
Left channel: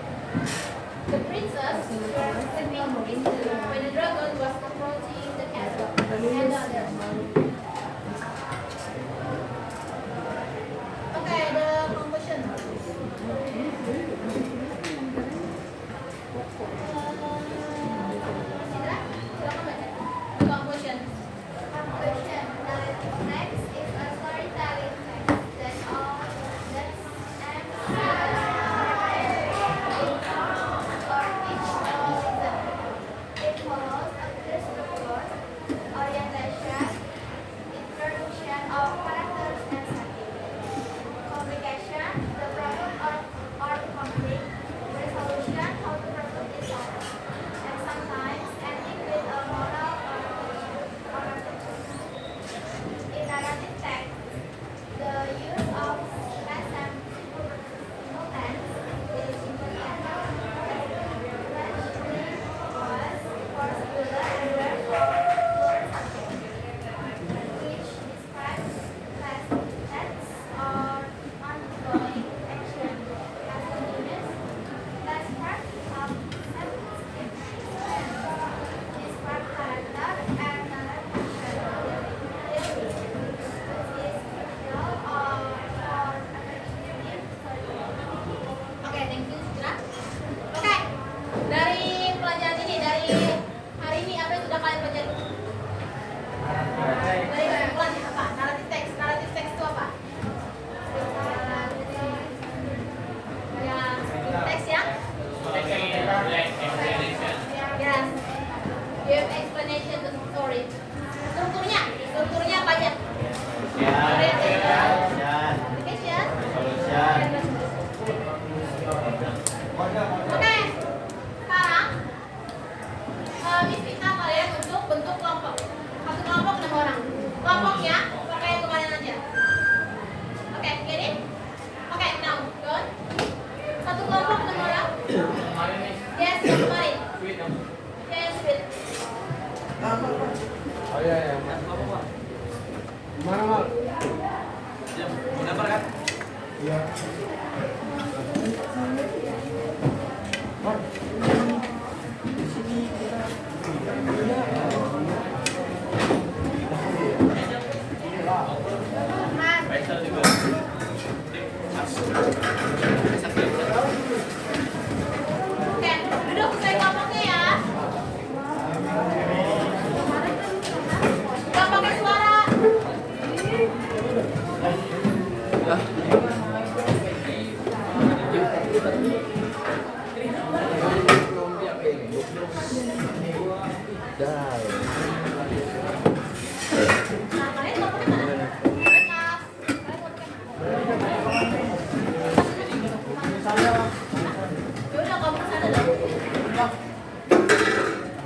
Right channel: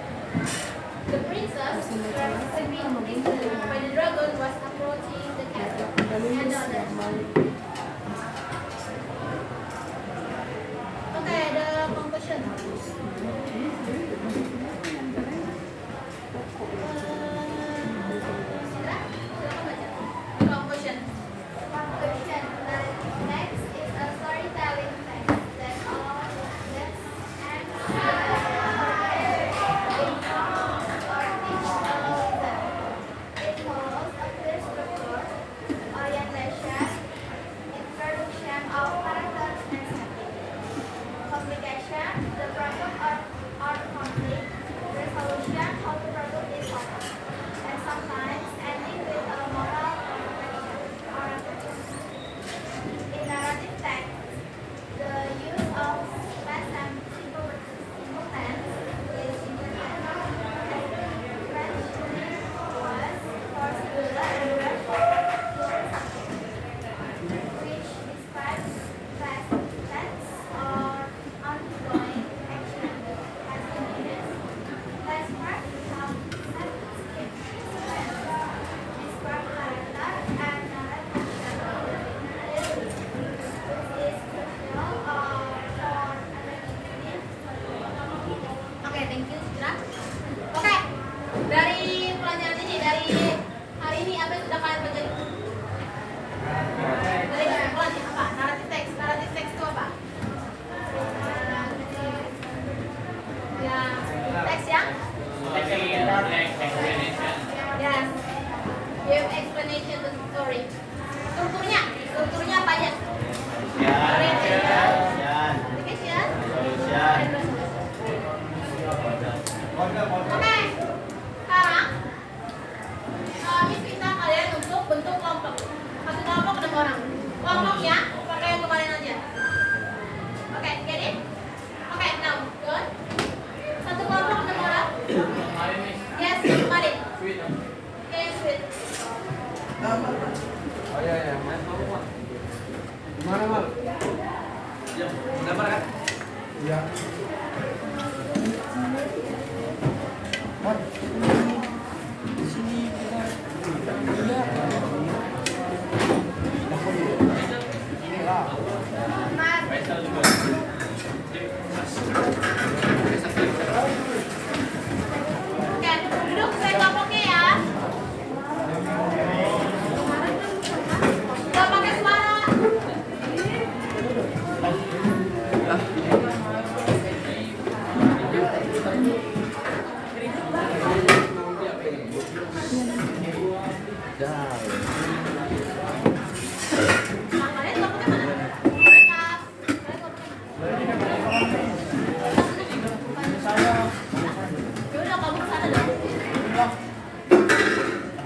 the princess were sleeping peacefully when the dragon was approaching the castle and others. Okay, the conclusion. Citra, silakan baca. The conclusion. Conclusion. Narrative text is a storytelling text that aims or teach a lesson. It follows a clear structure, orientation, introduction of characters and setting, communication, the problem or conflict, resolution, how to resolve it solved, and sometimes ending with a moral or reflection. In narrative text, the use of past and simple tense is important. Especially was for singular and verb for plural subject, which describes past tense or ongoing action. As a unit, past part have sentence describe character and narrative action. Oke, thank you, Citra. Oke, dari pelajaran ini, dari hari ini apa yang sudah kalian pelajari? Dari pelajaran apa? Narrative text. Narrative text itu apa? Ya, teks yang? Yes. Give explanation to the story. Strukturnya apa aja? Orientation, application, and resolution. Oke, sekarang Miss minta kalian untuk bentuk kelompok. Satu kelompok 6 orang. Kelompoknya pakai yang kemarin aja. Oke, get it? Oke, now John. Satu kelompok 6 orang. Yes, kemarin. Oke, sweet. Gimana, Mal? Gambar kan? Iya. Di sini Oke, duduk sesuai kelompoknya ya. Gak pakai suara. Nah, kalian kelompoknya mana? Kalian kelompoknya mana? Yaudah, kamu kesana dong.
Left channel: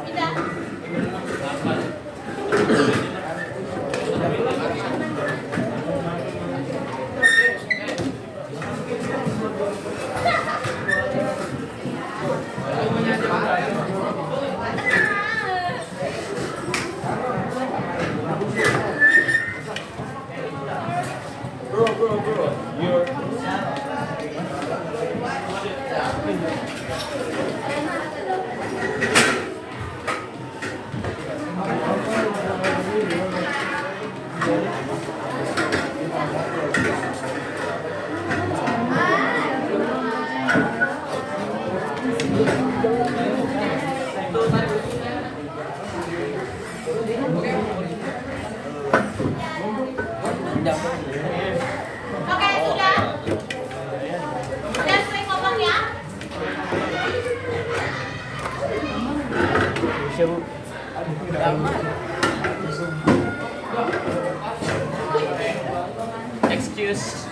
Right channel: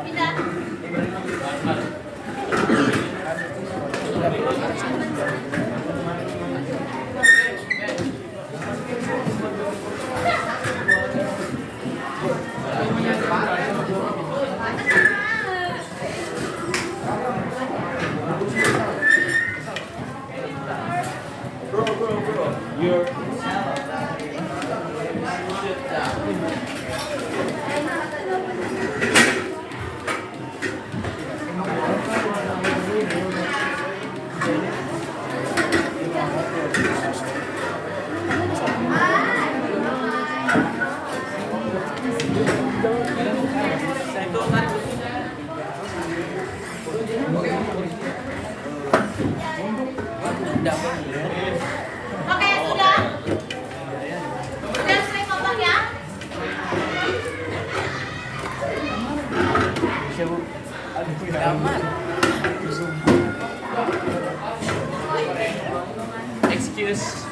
Pindah. Oke, sudah. Sudah sering ngomong ya. Excuse.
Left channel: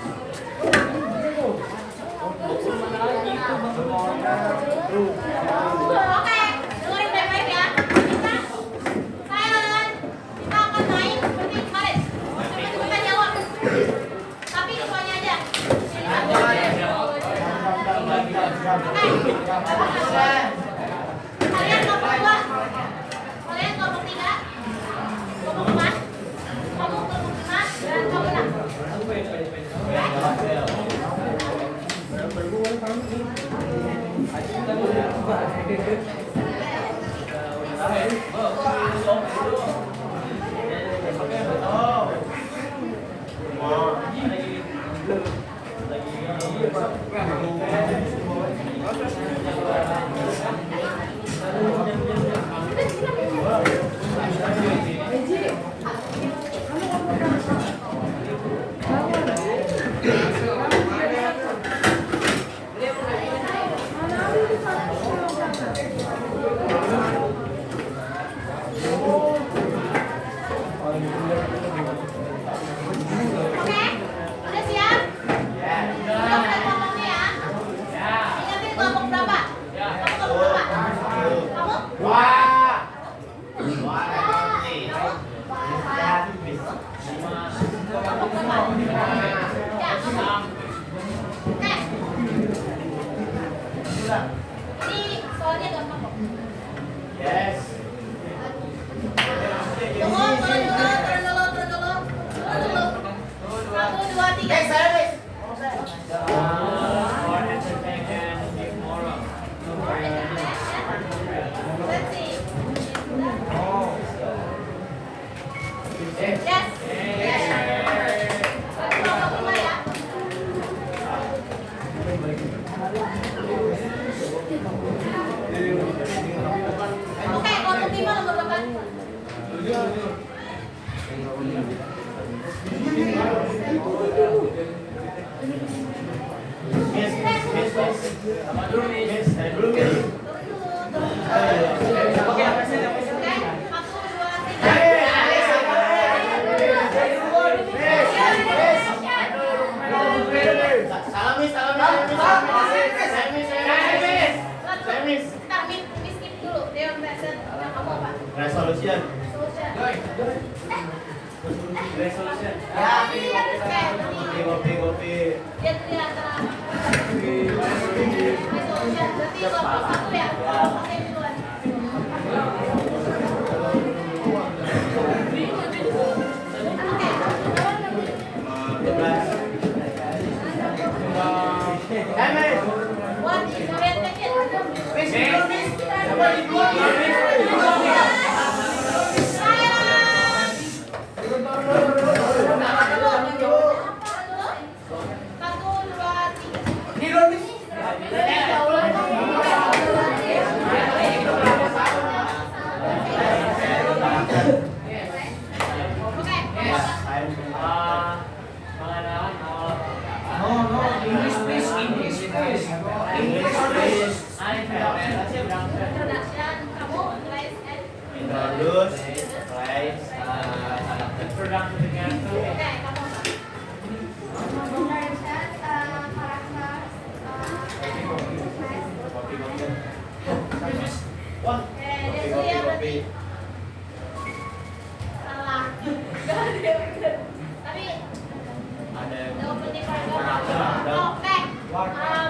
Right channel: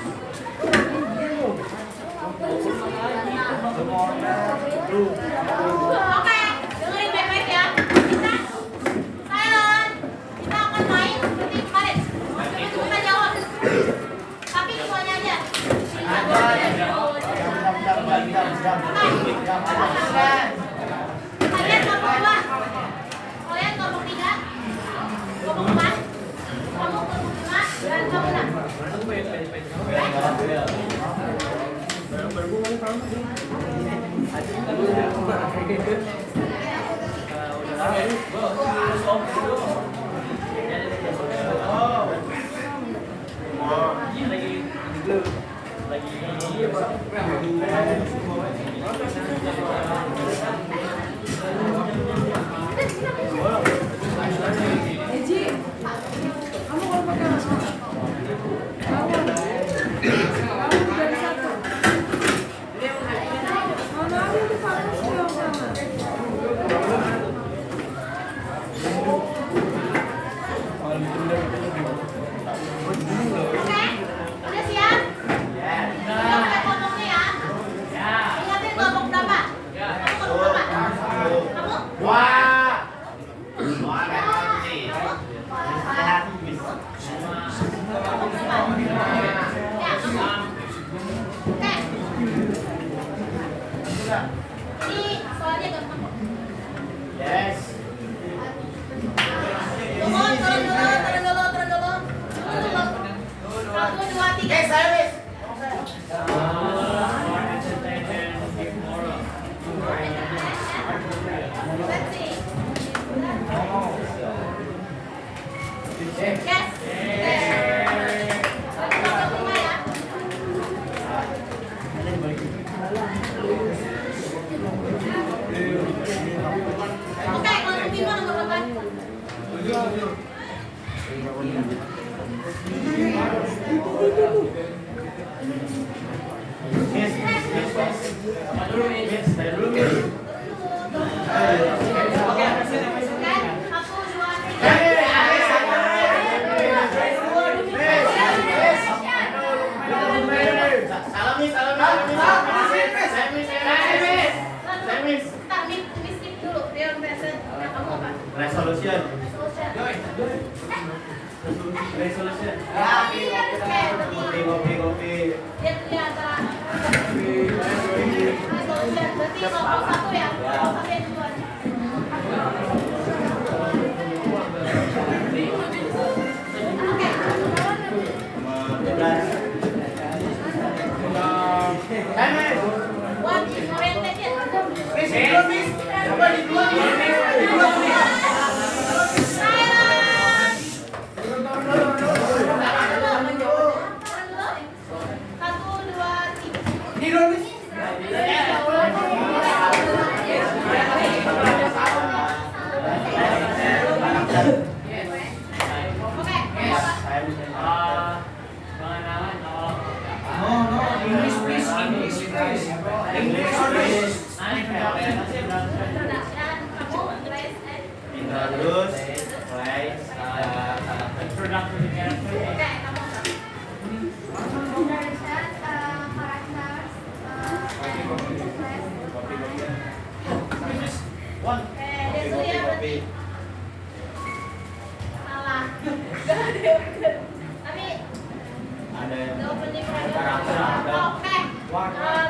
Oke, dengerin baik-baik ya. Kita silent. Kita akan main seperti kemarin. Cepat-cepat jawab. Tapi semuanya aja. Kalian kelompok 2. Kalian kelompok 3. Kelompok 4. Kamu kelompok 5 dan kamu 6. Oke, udah siap? Udah kelompoknya ya? Ingatin kelompok berapa? Kamu kelompok berapa? Kamu? Kelompok berapa? Ya, kamu. Oke. Ini soalnya gampang kok. Yes. Tunggu, turun dulu. 1, 2, 3. Let's see. Yes. Aku kelompok 5 ya. Oke, kelompok 5 nomor berapa? Resolution. Kopi. Lihat di antara resolution berarti kelompok 1 ya. Kelompok 1 yang duluan. What is orientation?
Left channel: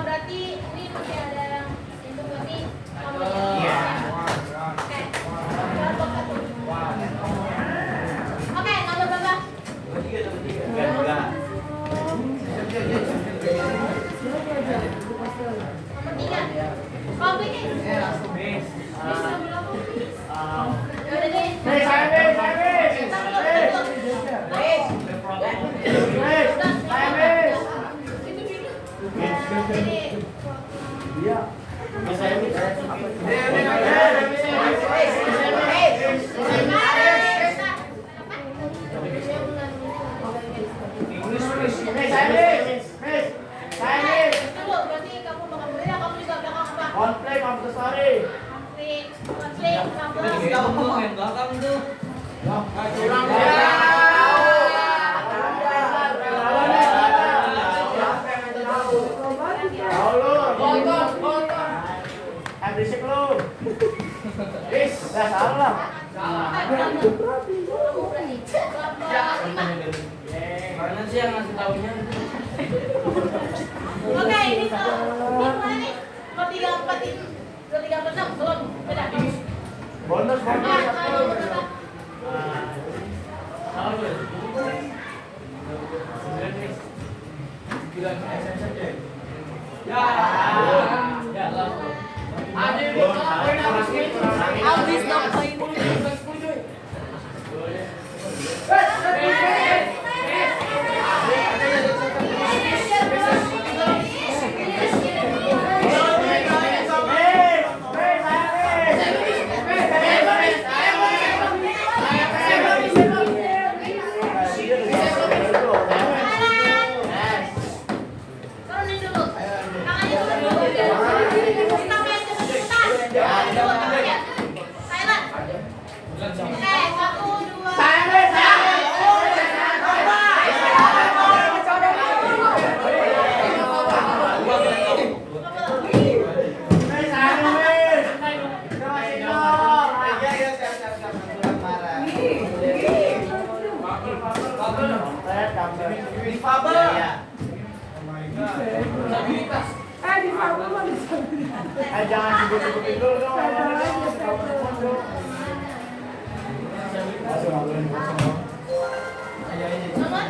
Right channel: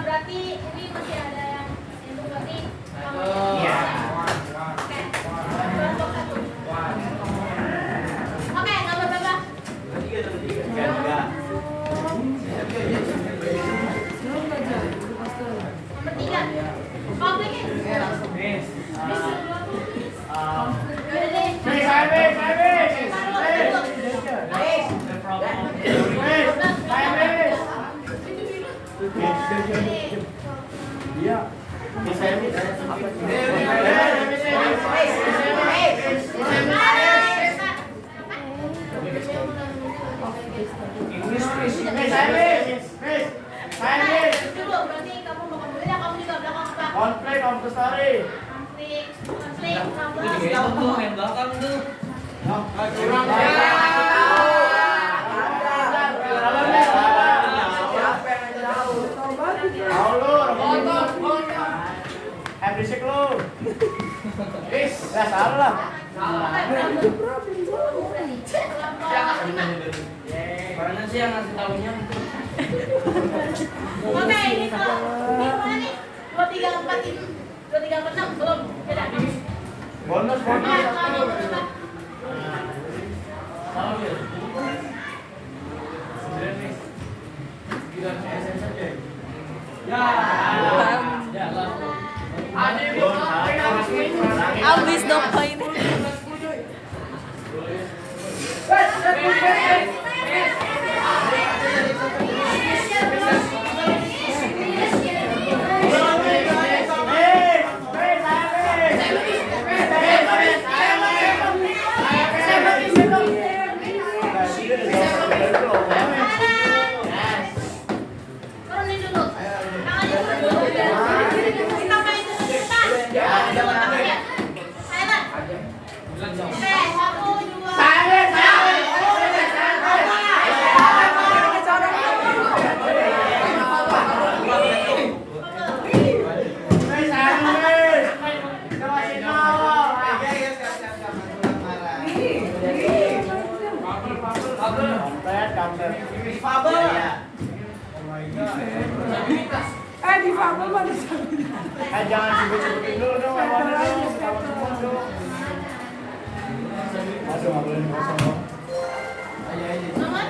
Berarti ini masih ada yang itu berarti kamunya. Oke. Kelompok 1. Oke, nomor berapa? 3. Nomor 3. Kompliknya. Yaudah deh. Nah, dulu berarti kamu makan dulu ya, kamu juga belakang apa? Konflik, kamu story. Konflik, kamu. Main belakang tuh. Berisik lu. Bis, udah salah. Mana sih yang ngasih taunya? Oke, ini mana nih? 2, 3, 4 ini. 2, 3, 4, 6 belum. Beda. Bonus, bonus. Nomor berapa? Habis dong poin. Turunin dulu. Tangannya turun dulu. Kita main cepetan. Dulu tangannya. Silent. Oke, 1, 2. Jangan sebut-sebutin dulu dong. Nomor.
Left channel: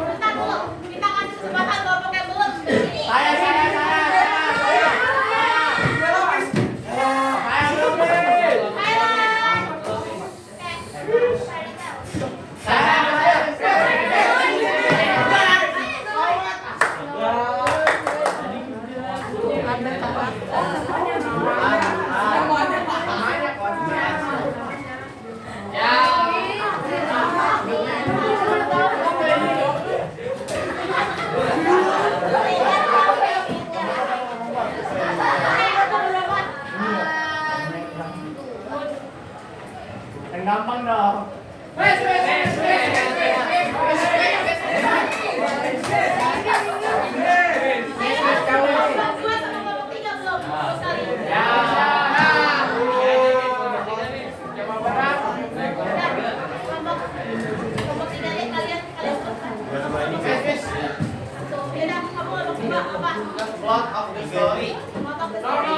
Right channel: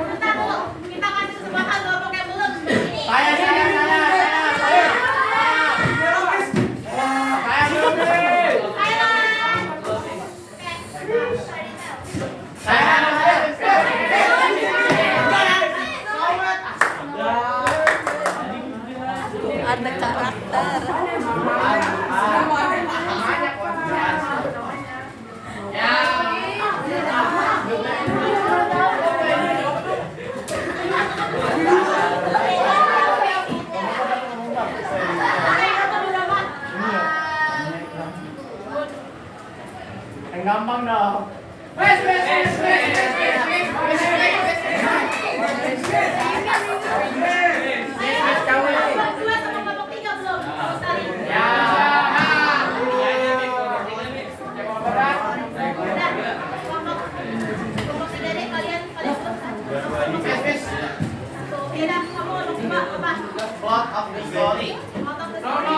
Bentar dulu. Kita kasih kesempatan Bapak yang belum begini. Ada karakter. Yang gampang dong. Babak 2 sama babak 3 belum? Tahu sekali. Babak 3 deh kalian selesai. Tuh, beda. Kamu babak 2 apa? Plot of the story. Out of the story.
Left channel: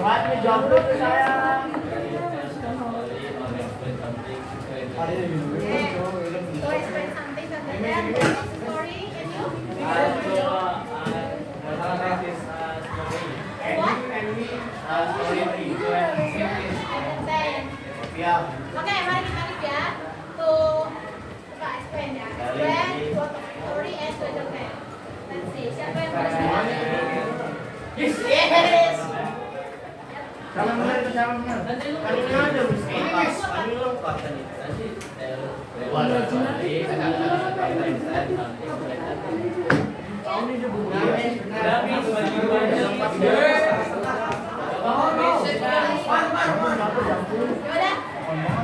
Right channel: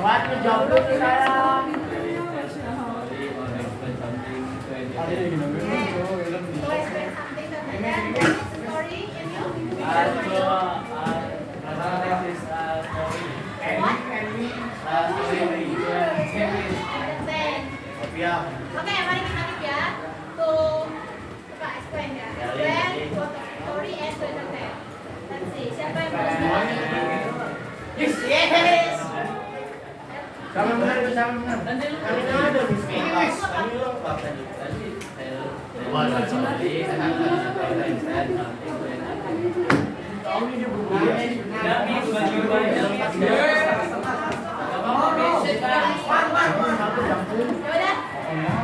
Waktu jawab dulu ke saya. So explain something something that story and you? What? Understand. Oke, mari kita lihat ya. Tuh, coba explain ya. When, plot of story, and to entertain. Let's see, siapa yang boleh jawab? Yes. Sama benar, sama benar. Kami ada bisnis. Kami lengkap tadi. Yaudah.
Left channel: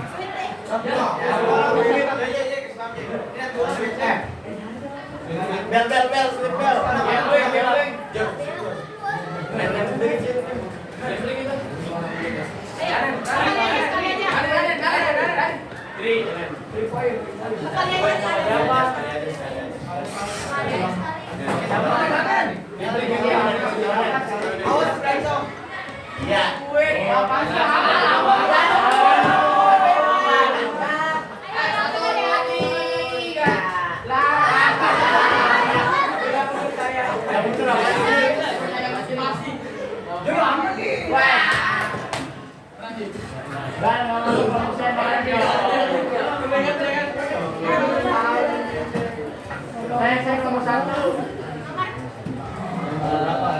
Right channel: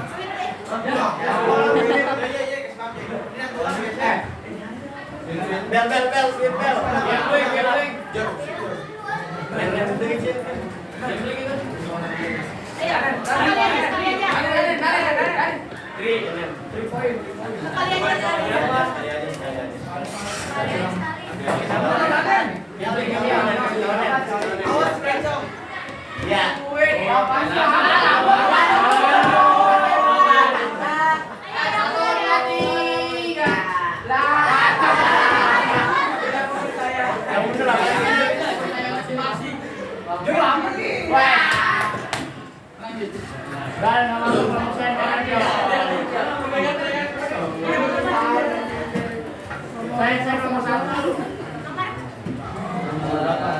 Sweet deh. Bel, sweet bel. Gambling. Ayo, sekalian aja. Sekalian aja. Iya. Saya nomor 1. Berapa?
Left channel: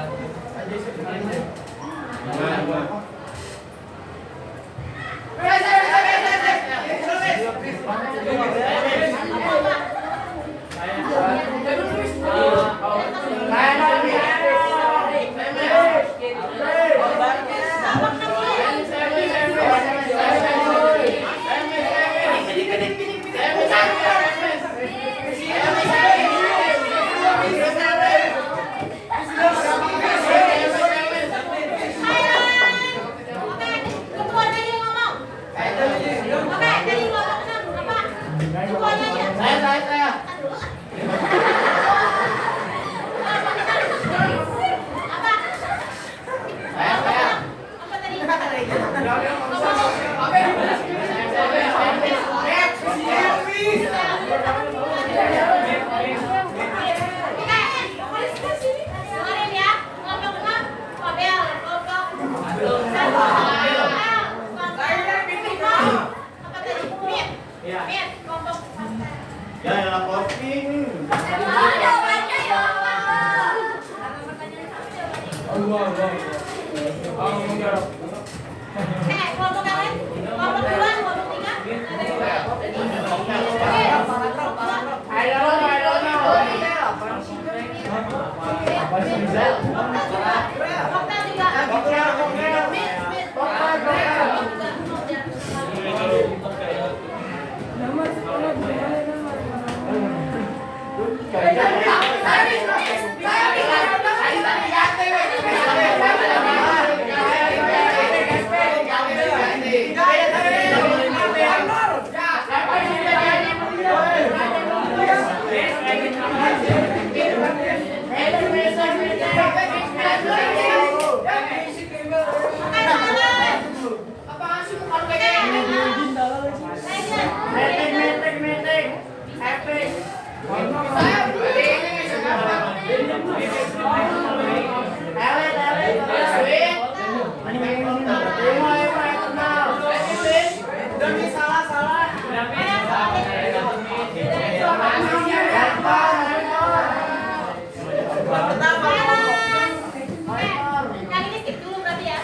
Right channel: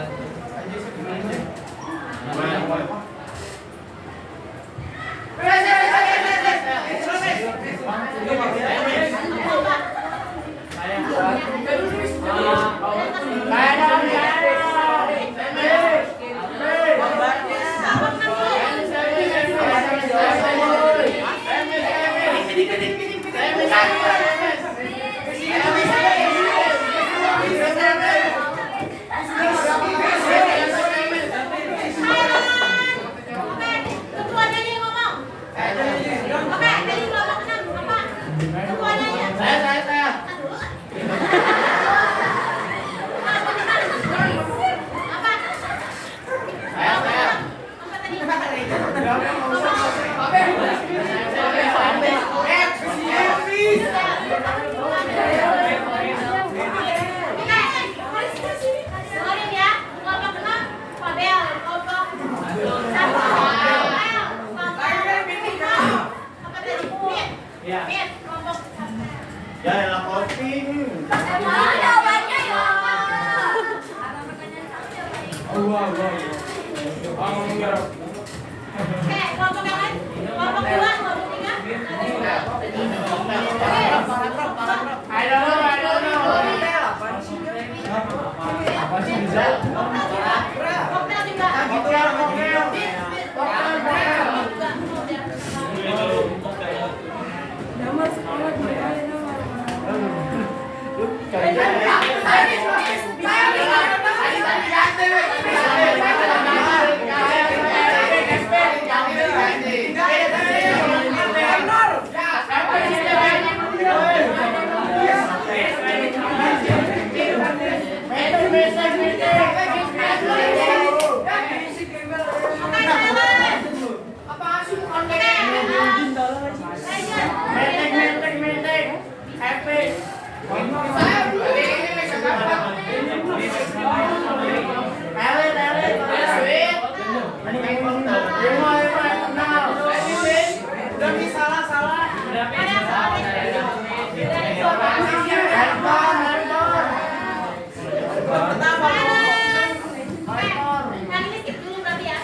Ketuanya aja yang ngomong. Oke, jadi kelompok 6 apa? Ketuanya aja. Saya. Apa? Apa tadi? Dengerin ya, kelompok 6 Fabel, kelompok 1 Fabel, kelompok 5 apa tadi? Mit, kelompok Ya, yang kopi. jawabannya ya. Kelompok yang lain? Kelompok 2, kelompok 3? Koktel juga. Yang ini skip dulu berarti ya.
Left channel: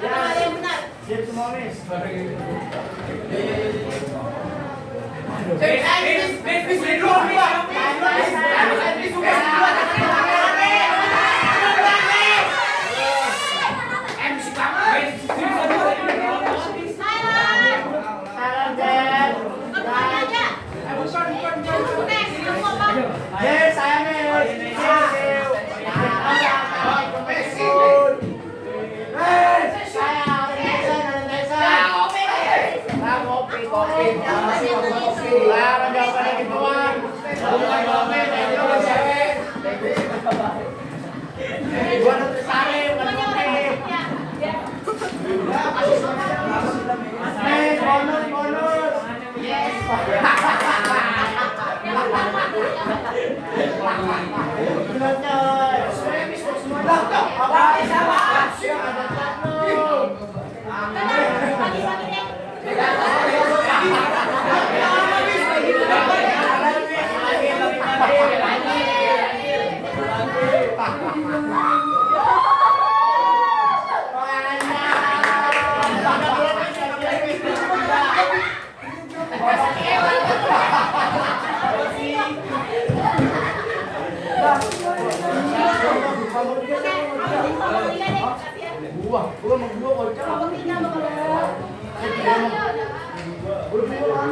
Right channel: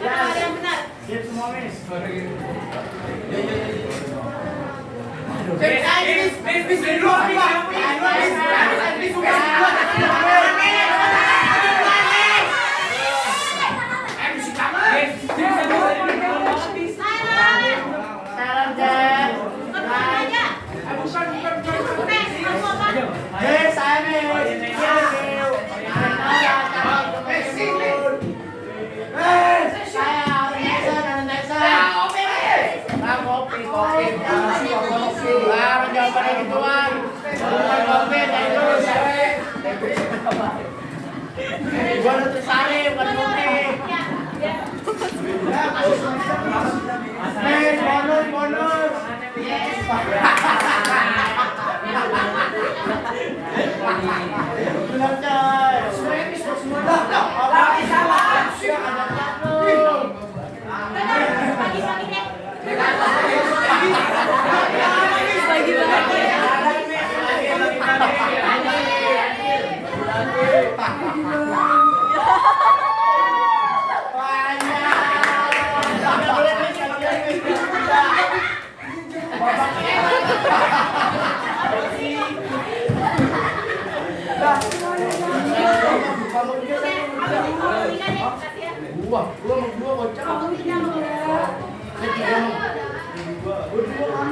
Karena ada yang benar. Siap semua, Miss. Salam, Jen. Ketuanya aja. Oke, kamu apa? Yes, saya Miss. Bagi-bagi deh. Oke, habisin kelompok 3 deh, kasih ya. Kelompok 3 sama kelompok 2.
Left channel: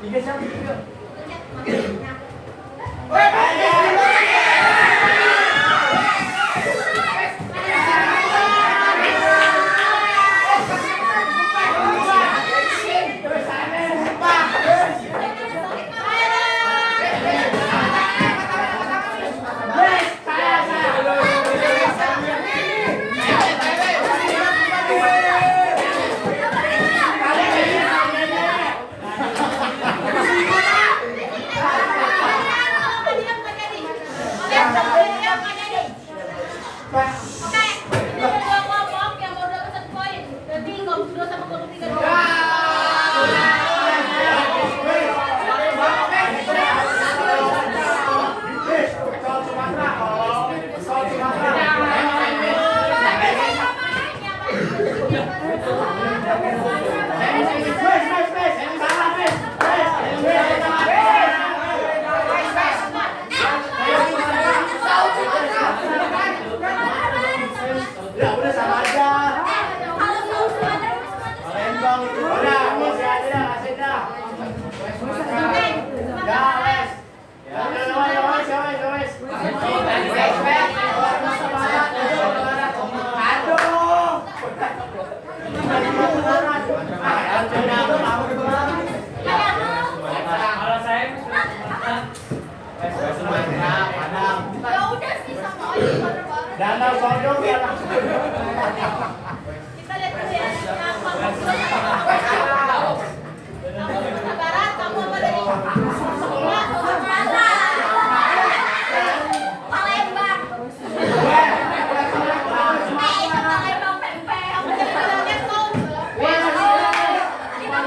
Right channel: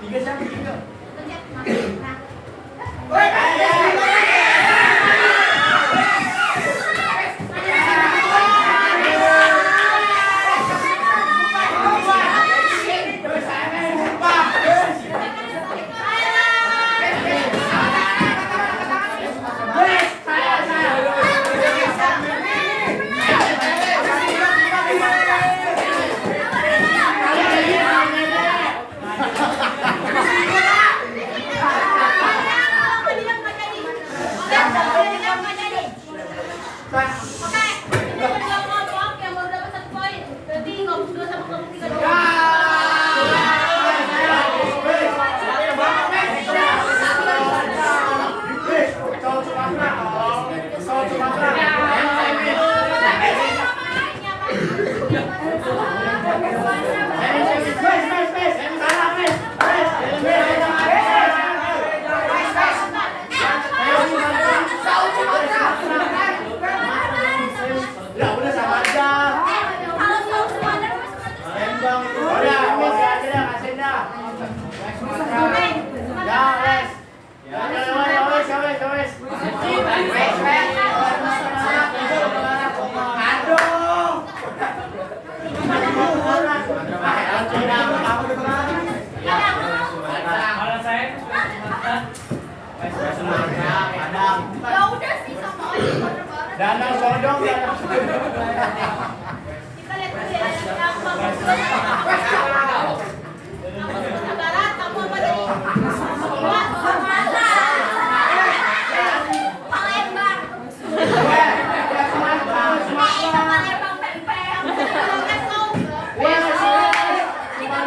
Tiga siapa? Tiga. Pencet, masukin. Nah. Danau Bodong ya. Kita lihat dulu ya. Yang bagus dulu. Kamu dari barat, kamu apa dari? Palembang. Itu Palembang pempek. Kita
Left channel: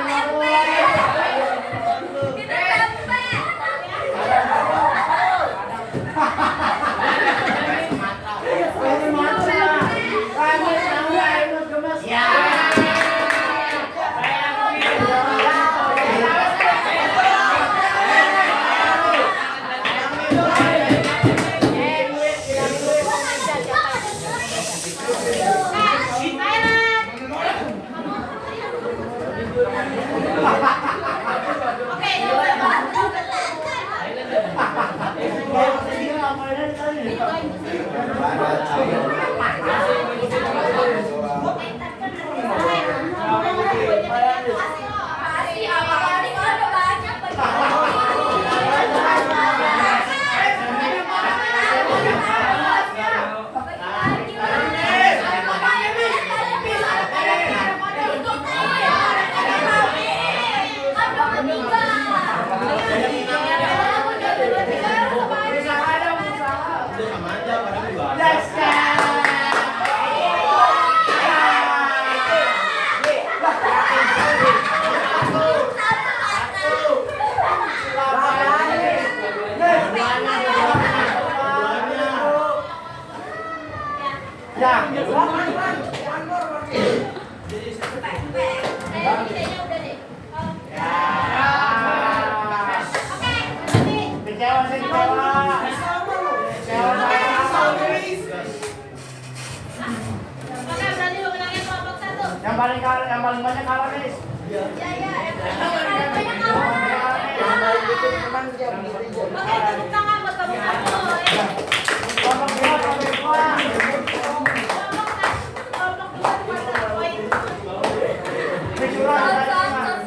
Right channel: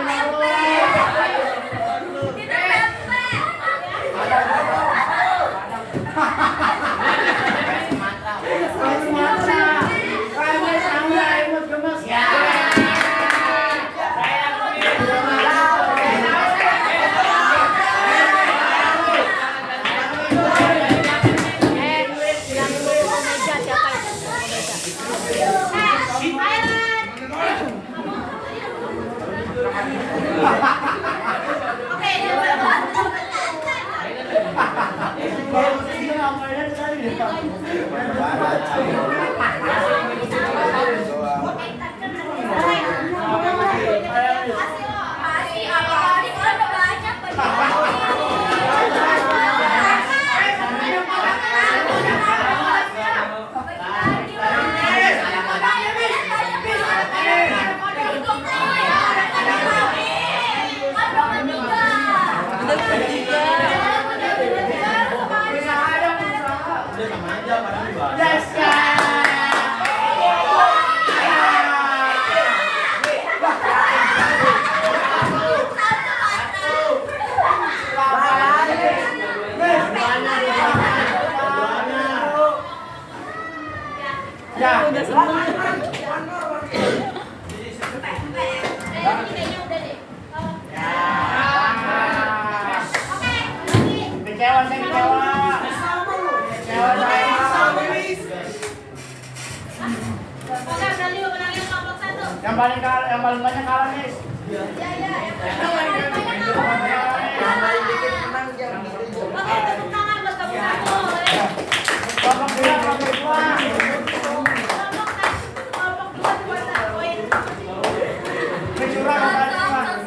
Yang paling banyak kalah, Miss. Oke, tepuk tangan buat kamu satu. Kelompok dua cuma 1 poin. Sumatera Selatan.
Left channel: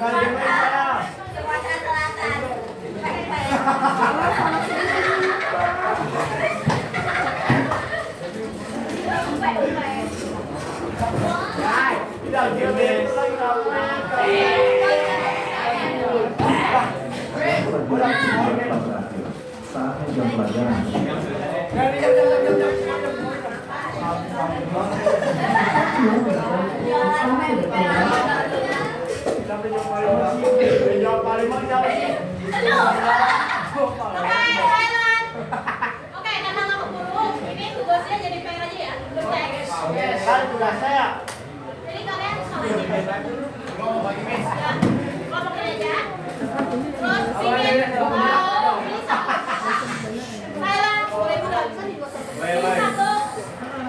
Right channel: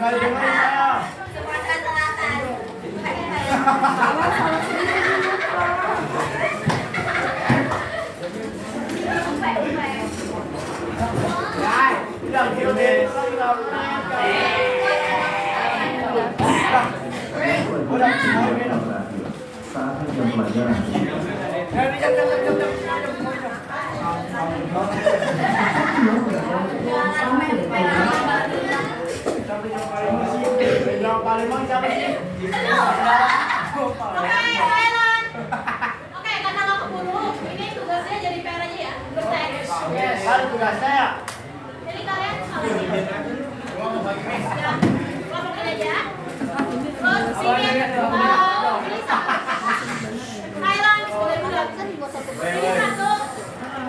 Saatnya jam pelajaran. Oke, Thailand. Oke, karena nggak keburu, ini tugasnya jadi PR aja ya. Berteks. Jadi kalian salah sih. Ya, kelompok ini aja. Terus pilih satu. Thailand boleh bulat. Pilih satu.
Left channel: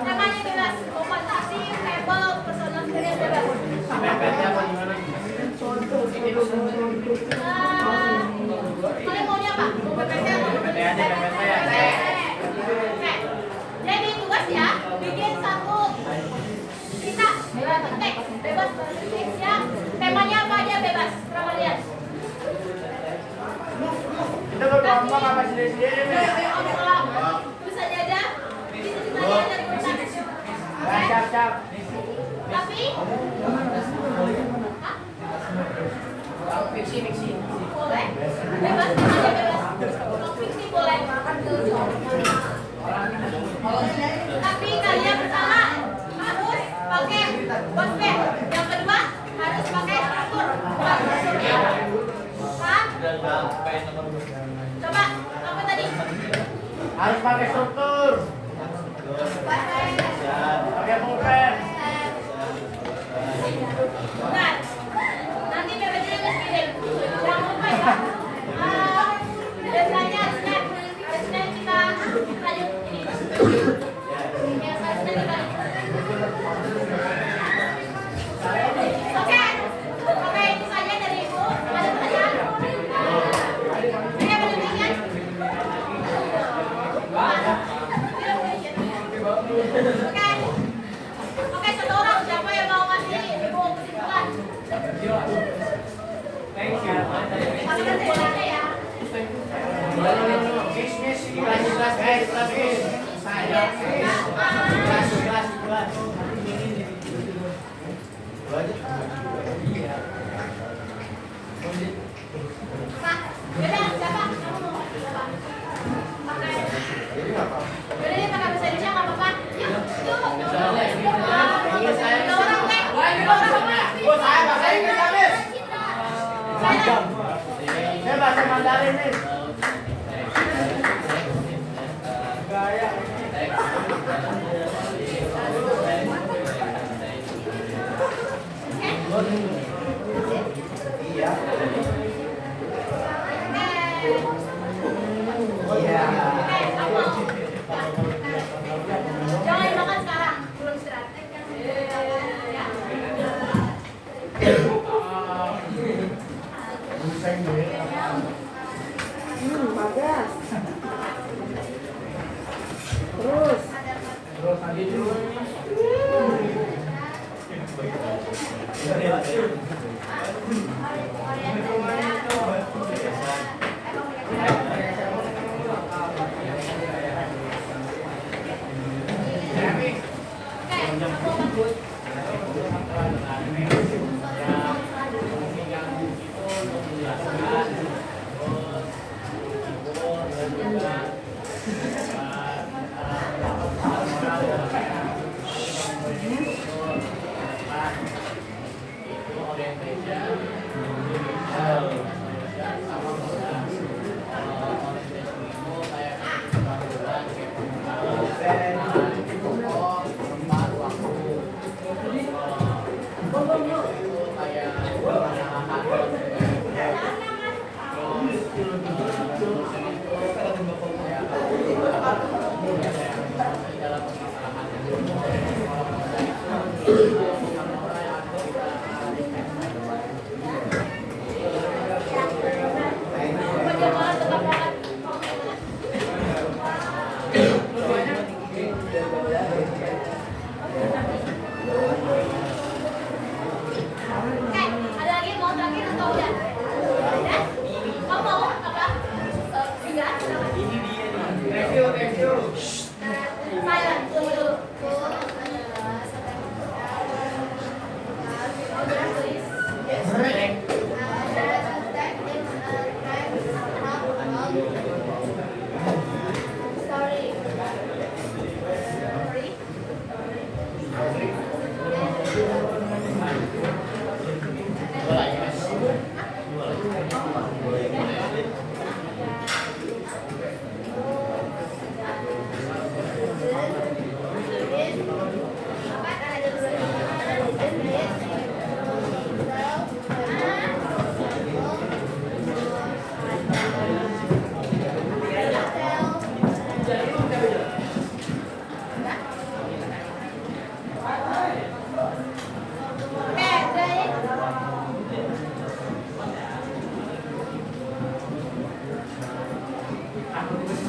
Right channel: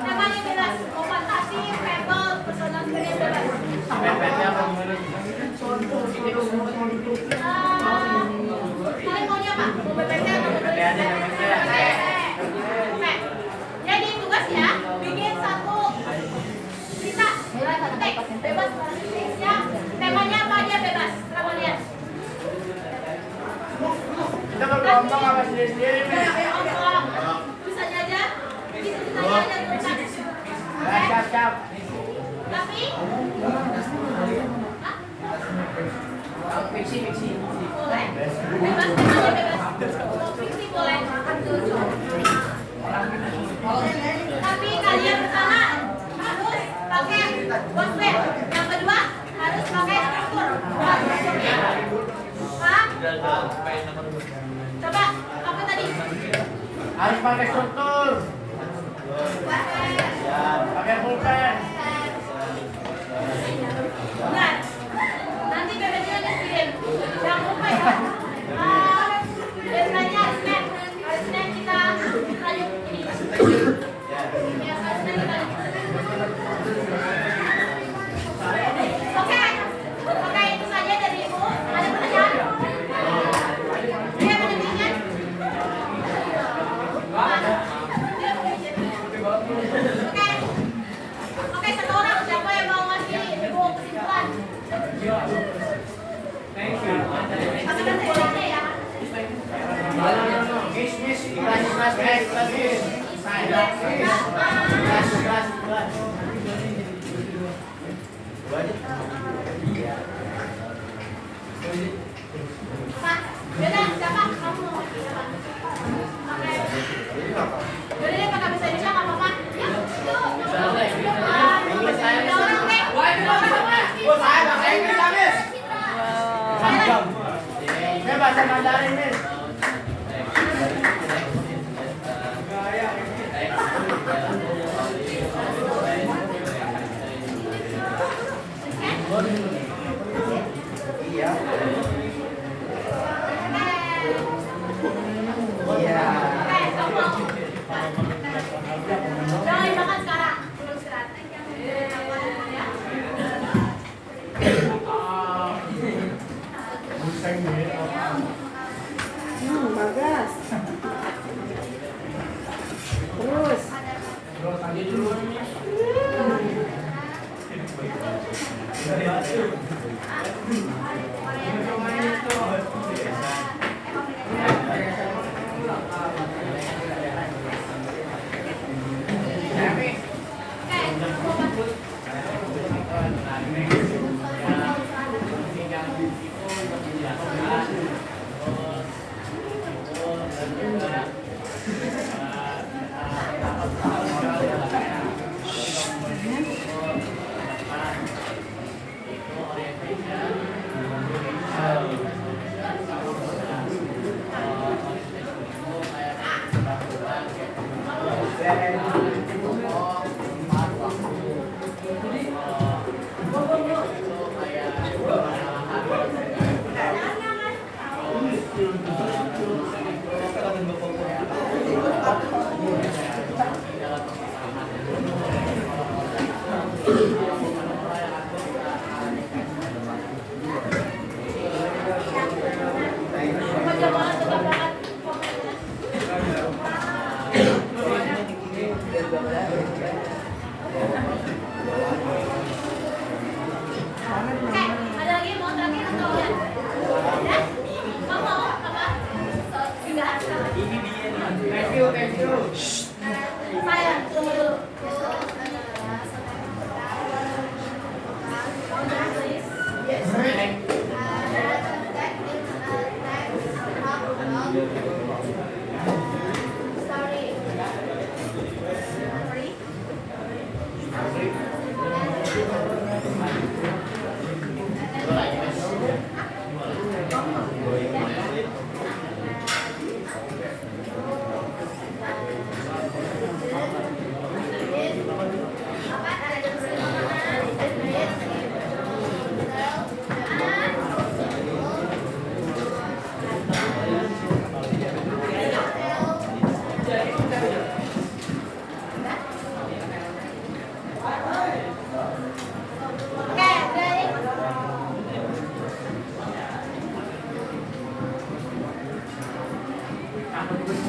Namanya bebas. Mau fantasi, fable, personal experience bebas. Pempeknya apa gimana? Kalian maunya apa? Mau PPT atau mau PPT aja, PPT aja. Oke. Jadi tugas ya, bikin satu cerita teks bebas ya. Temanya apa aja bebas. Berapa kalian? Kita berkelompok apa sendiri-sendiri, Miss? Tulis aja. Bisa ditanya aja terus. Siap. Tapi hah? Fiksi. Boleh. Bebas temanya bebas. Mau fiksi boleh. Tapi kalian pertama harus pakai bosbed. Yang kedua harus pakai struktur. Hah? Coba apa tadi? Harus pakai struktur. Pakai pulpen. Benar. Nanti PPT-nya kirim. Jangan lupa ya. Deadline-nya hari Senin. Hari Senin kita lanjut ini. Ya, hari Senin kita Oke, itu saja dari Ibu. Ada pertanyaan? Pendampingan? Oke, satu orang siapa yang mau ngasih Ibu kesimpulan? Thank you. Pakai kesimpulannya ya. Miss. Ikhlas. Pak, beda siapa? Kamu mau pakai apa? Pakai. Yaudah deh pakai bahasa Indonesia nggak apa-apa. Ya, yuk. Ada orang teh. Oh, saya bahasa Inggris habis. Silent. Saya bahasa Mandarin nih. Gaya ini. Iya. Jangan dimakan sekarang, belum istirahat. Ya. Bagas. Terus. Terus tadi dulu. Ada lagi mau terakhir atau ya? Kamu mau apa? Enggak. Thank you, thank you. Silent, tunggu dulu.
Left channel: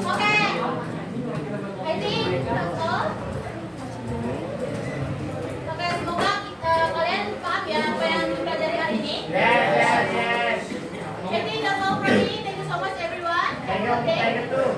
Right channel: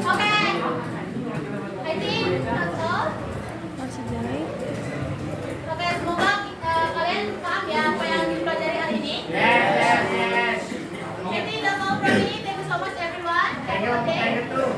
Oke. I think that's all. Oke, semoga kalian paham ya apa yang dipelajari hari ini. Yes, yes, yes. I think that's all from me. Thank you so much everyone. Have a good day. Thank you too.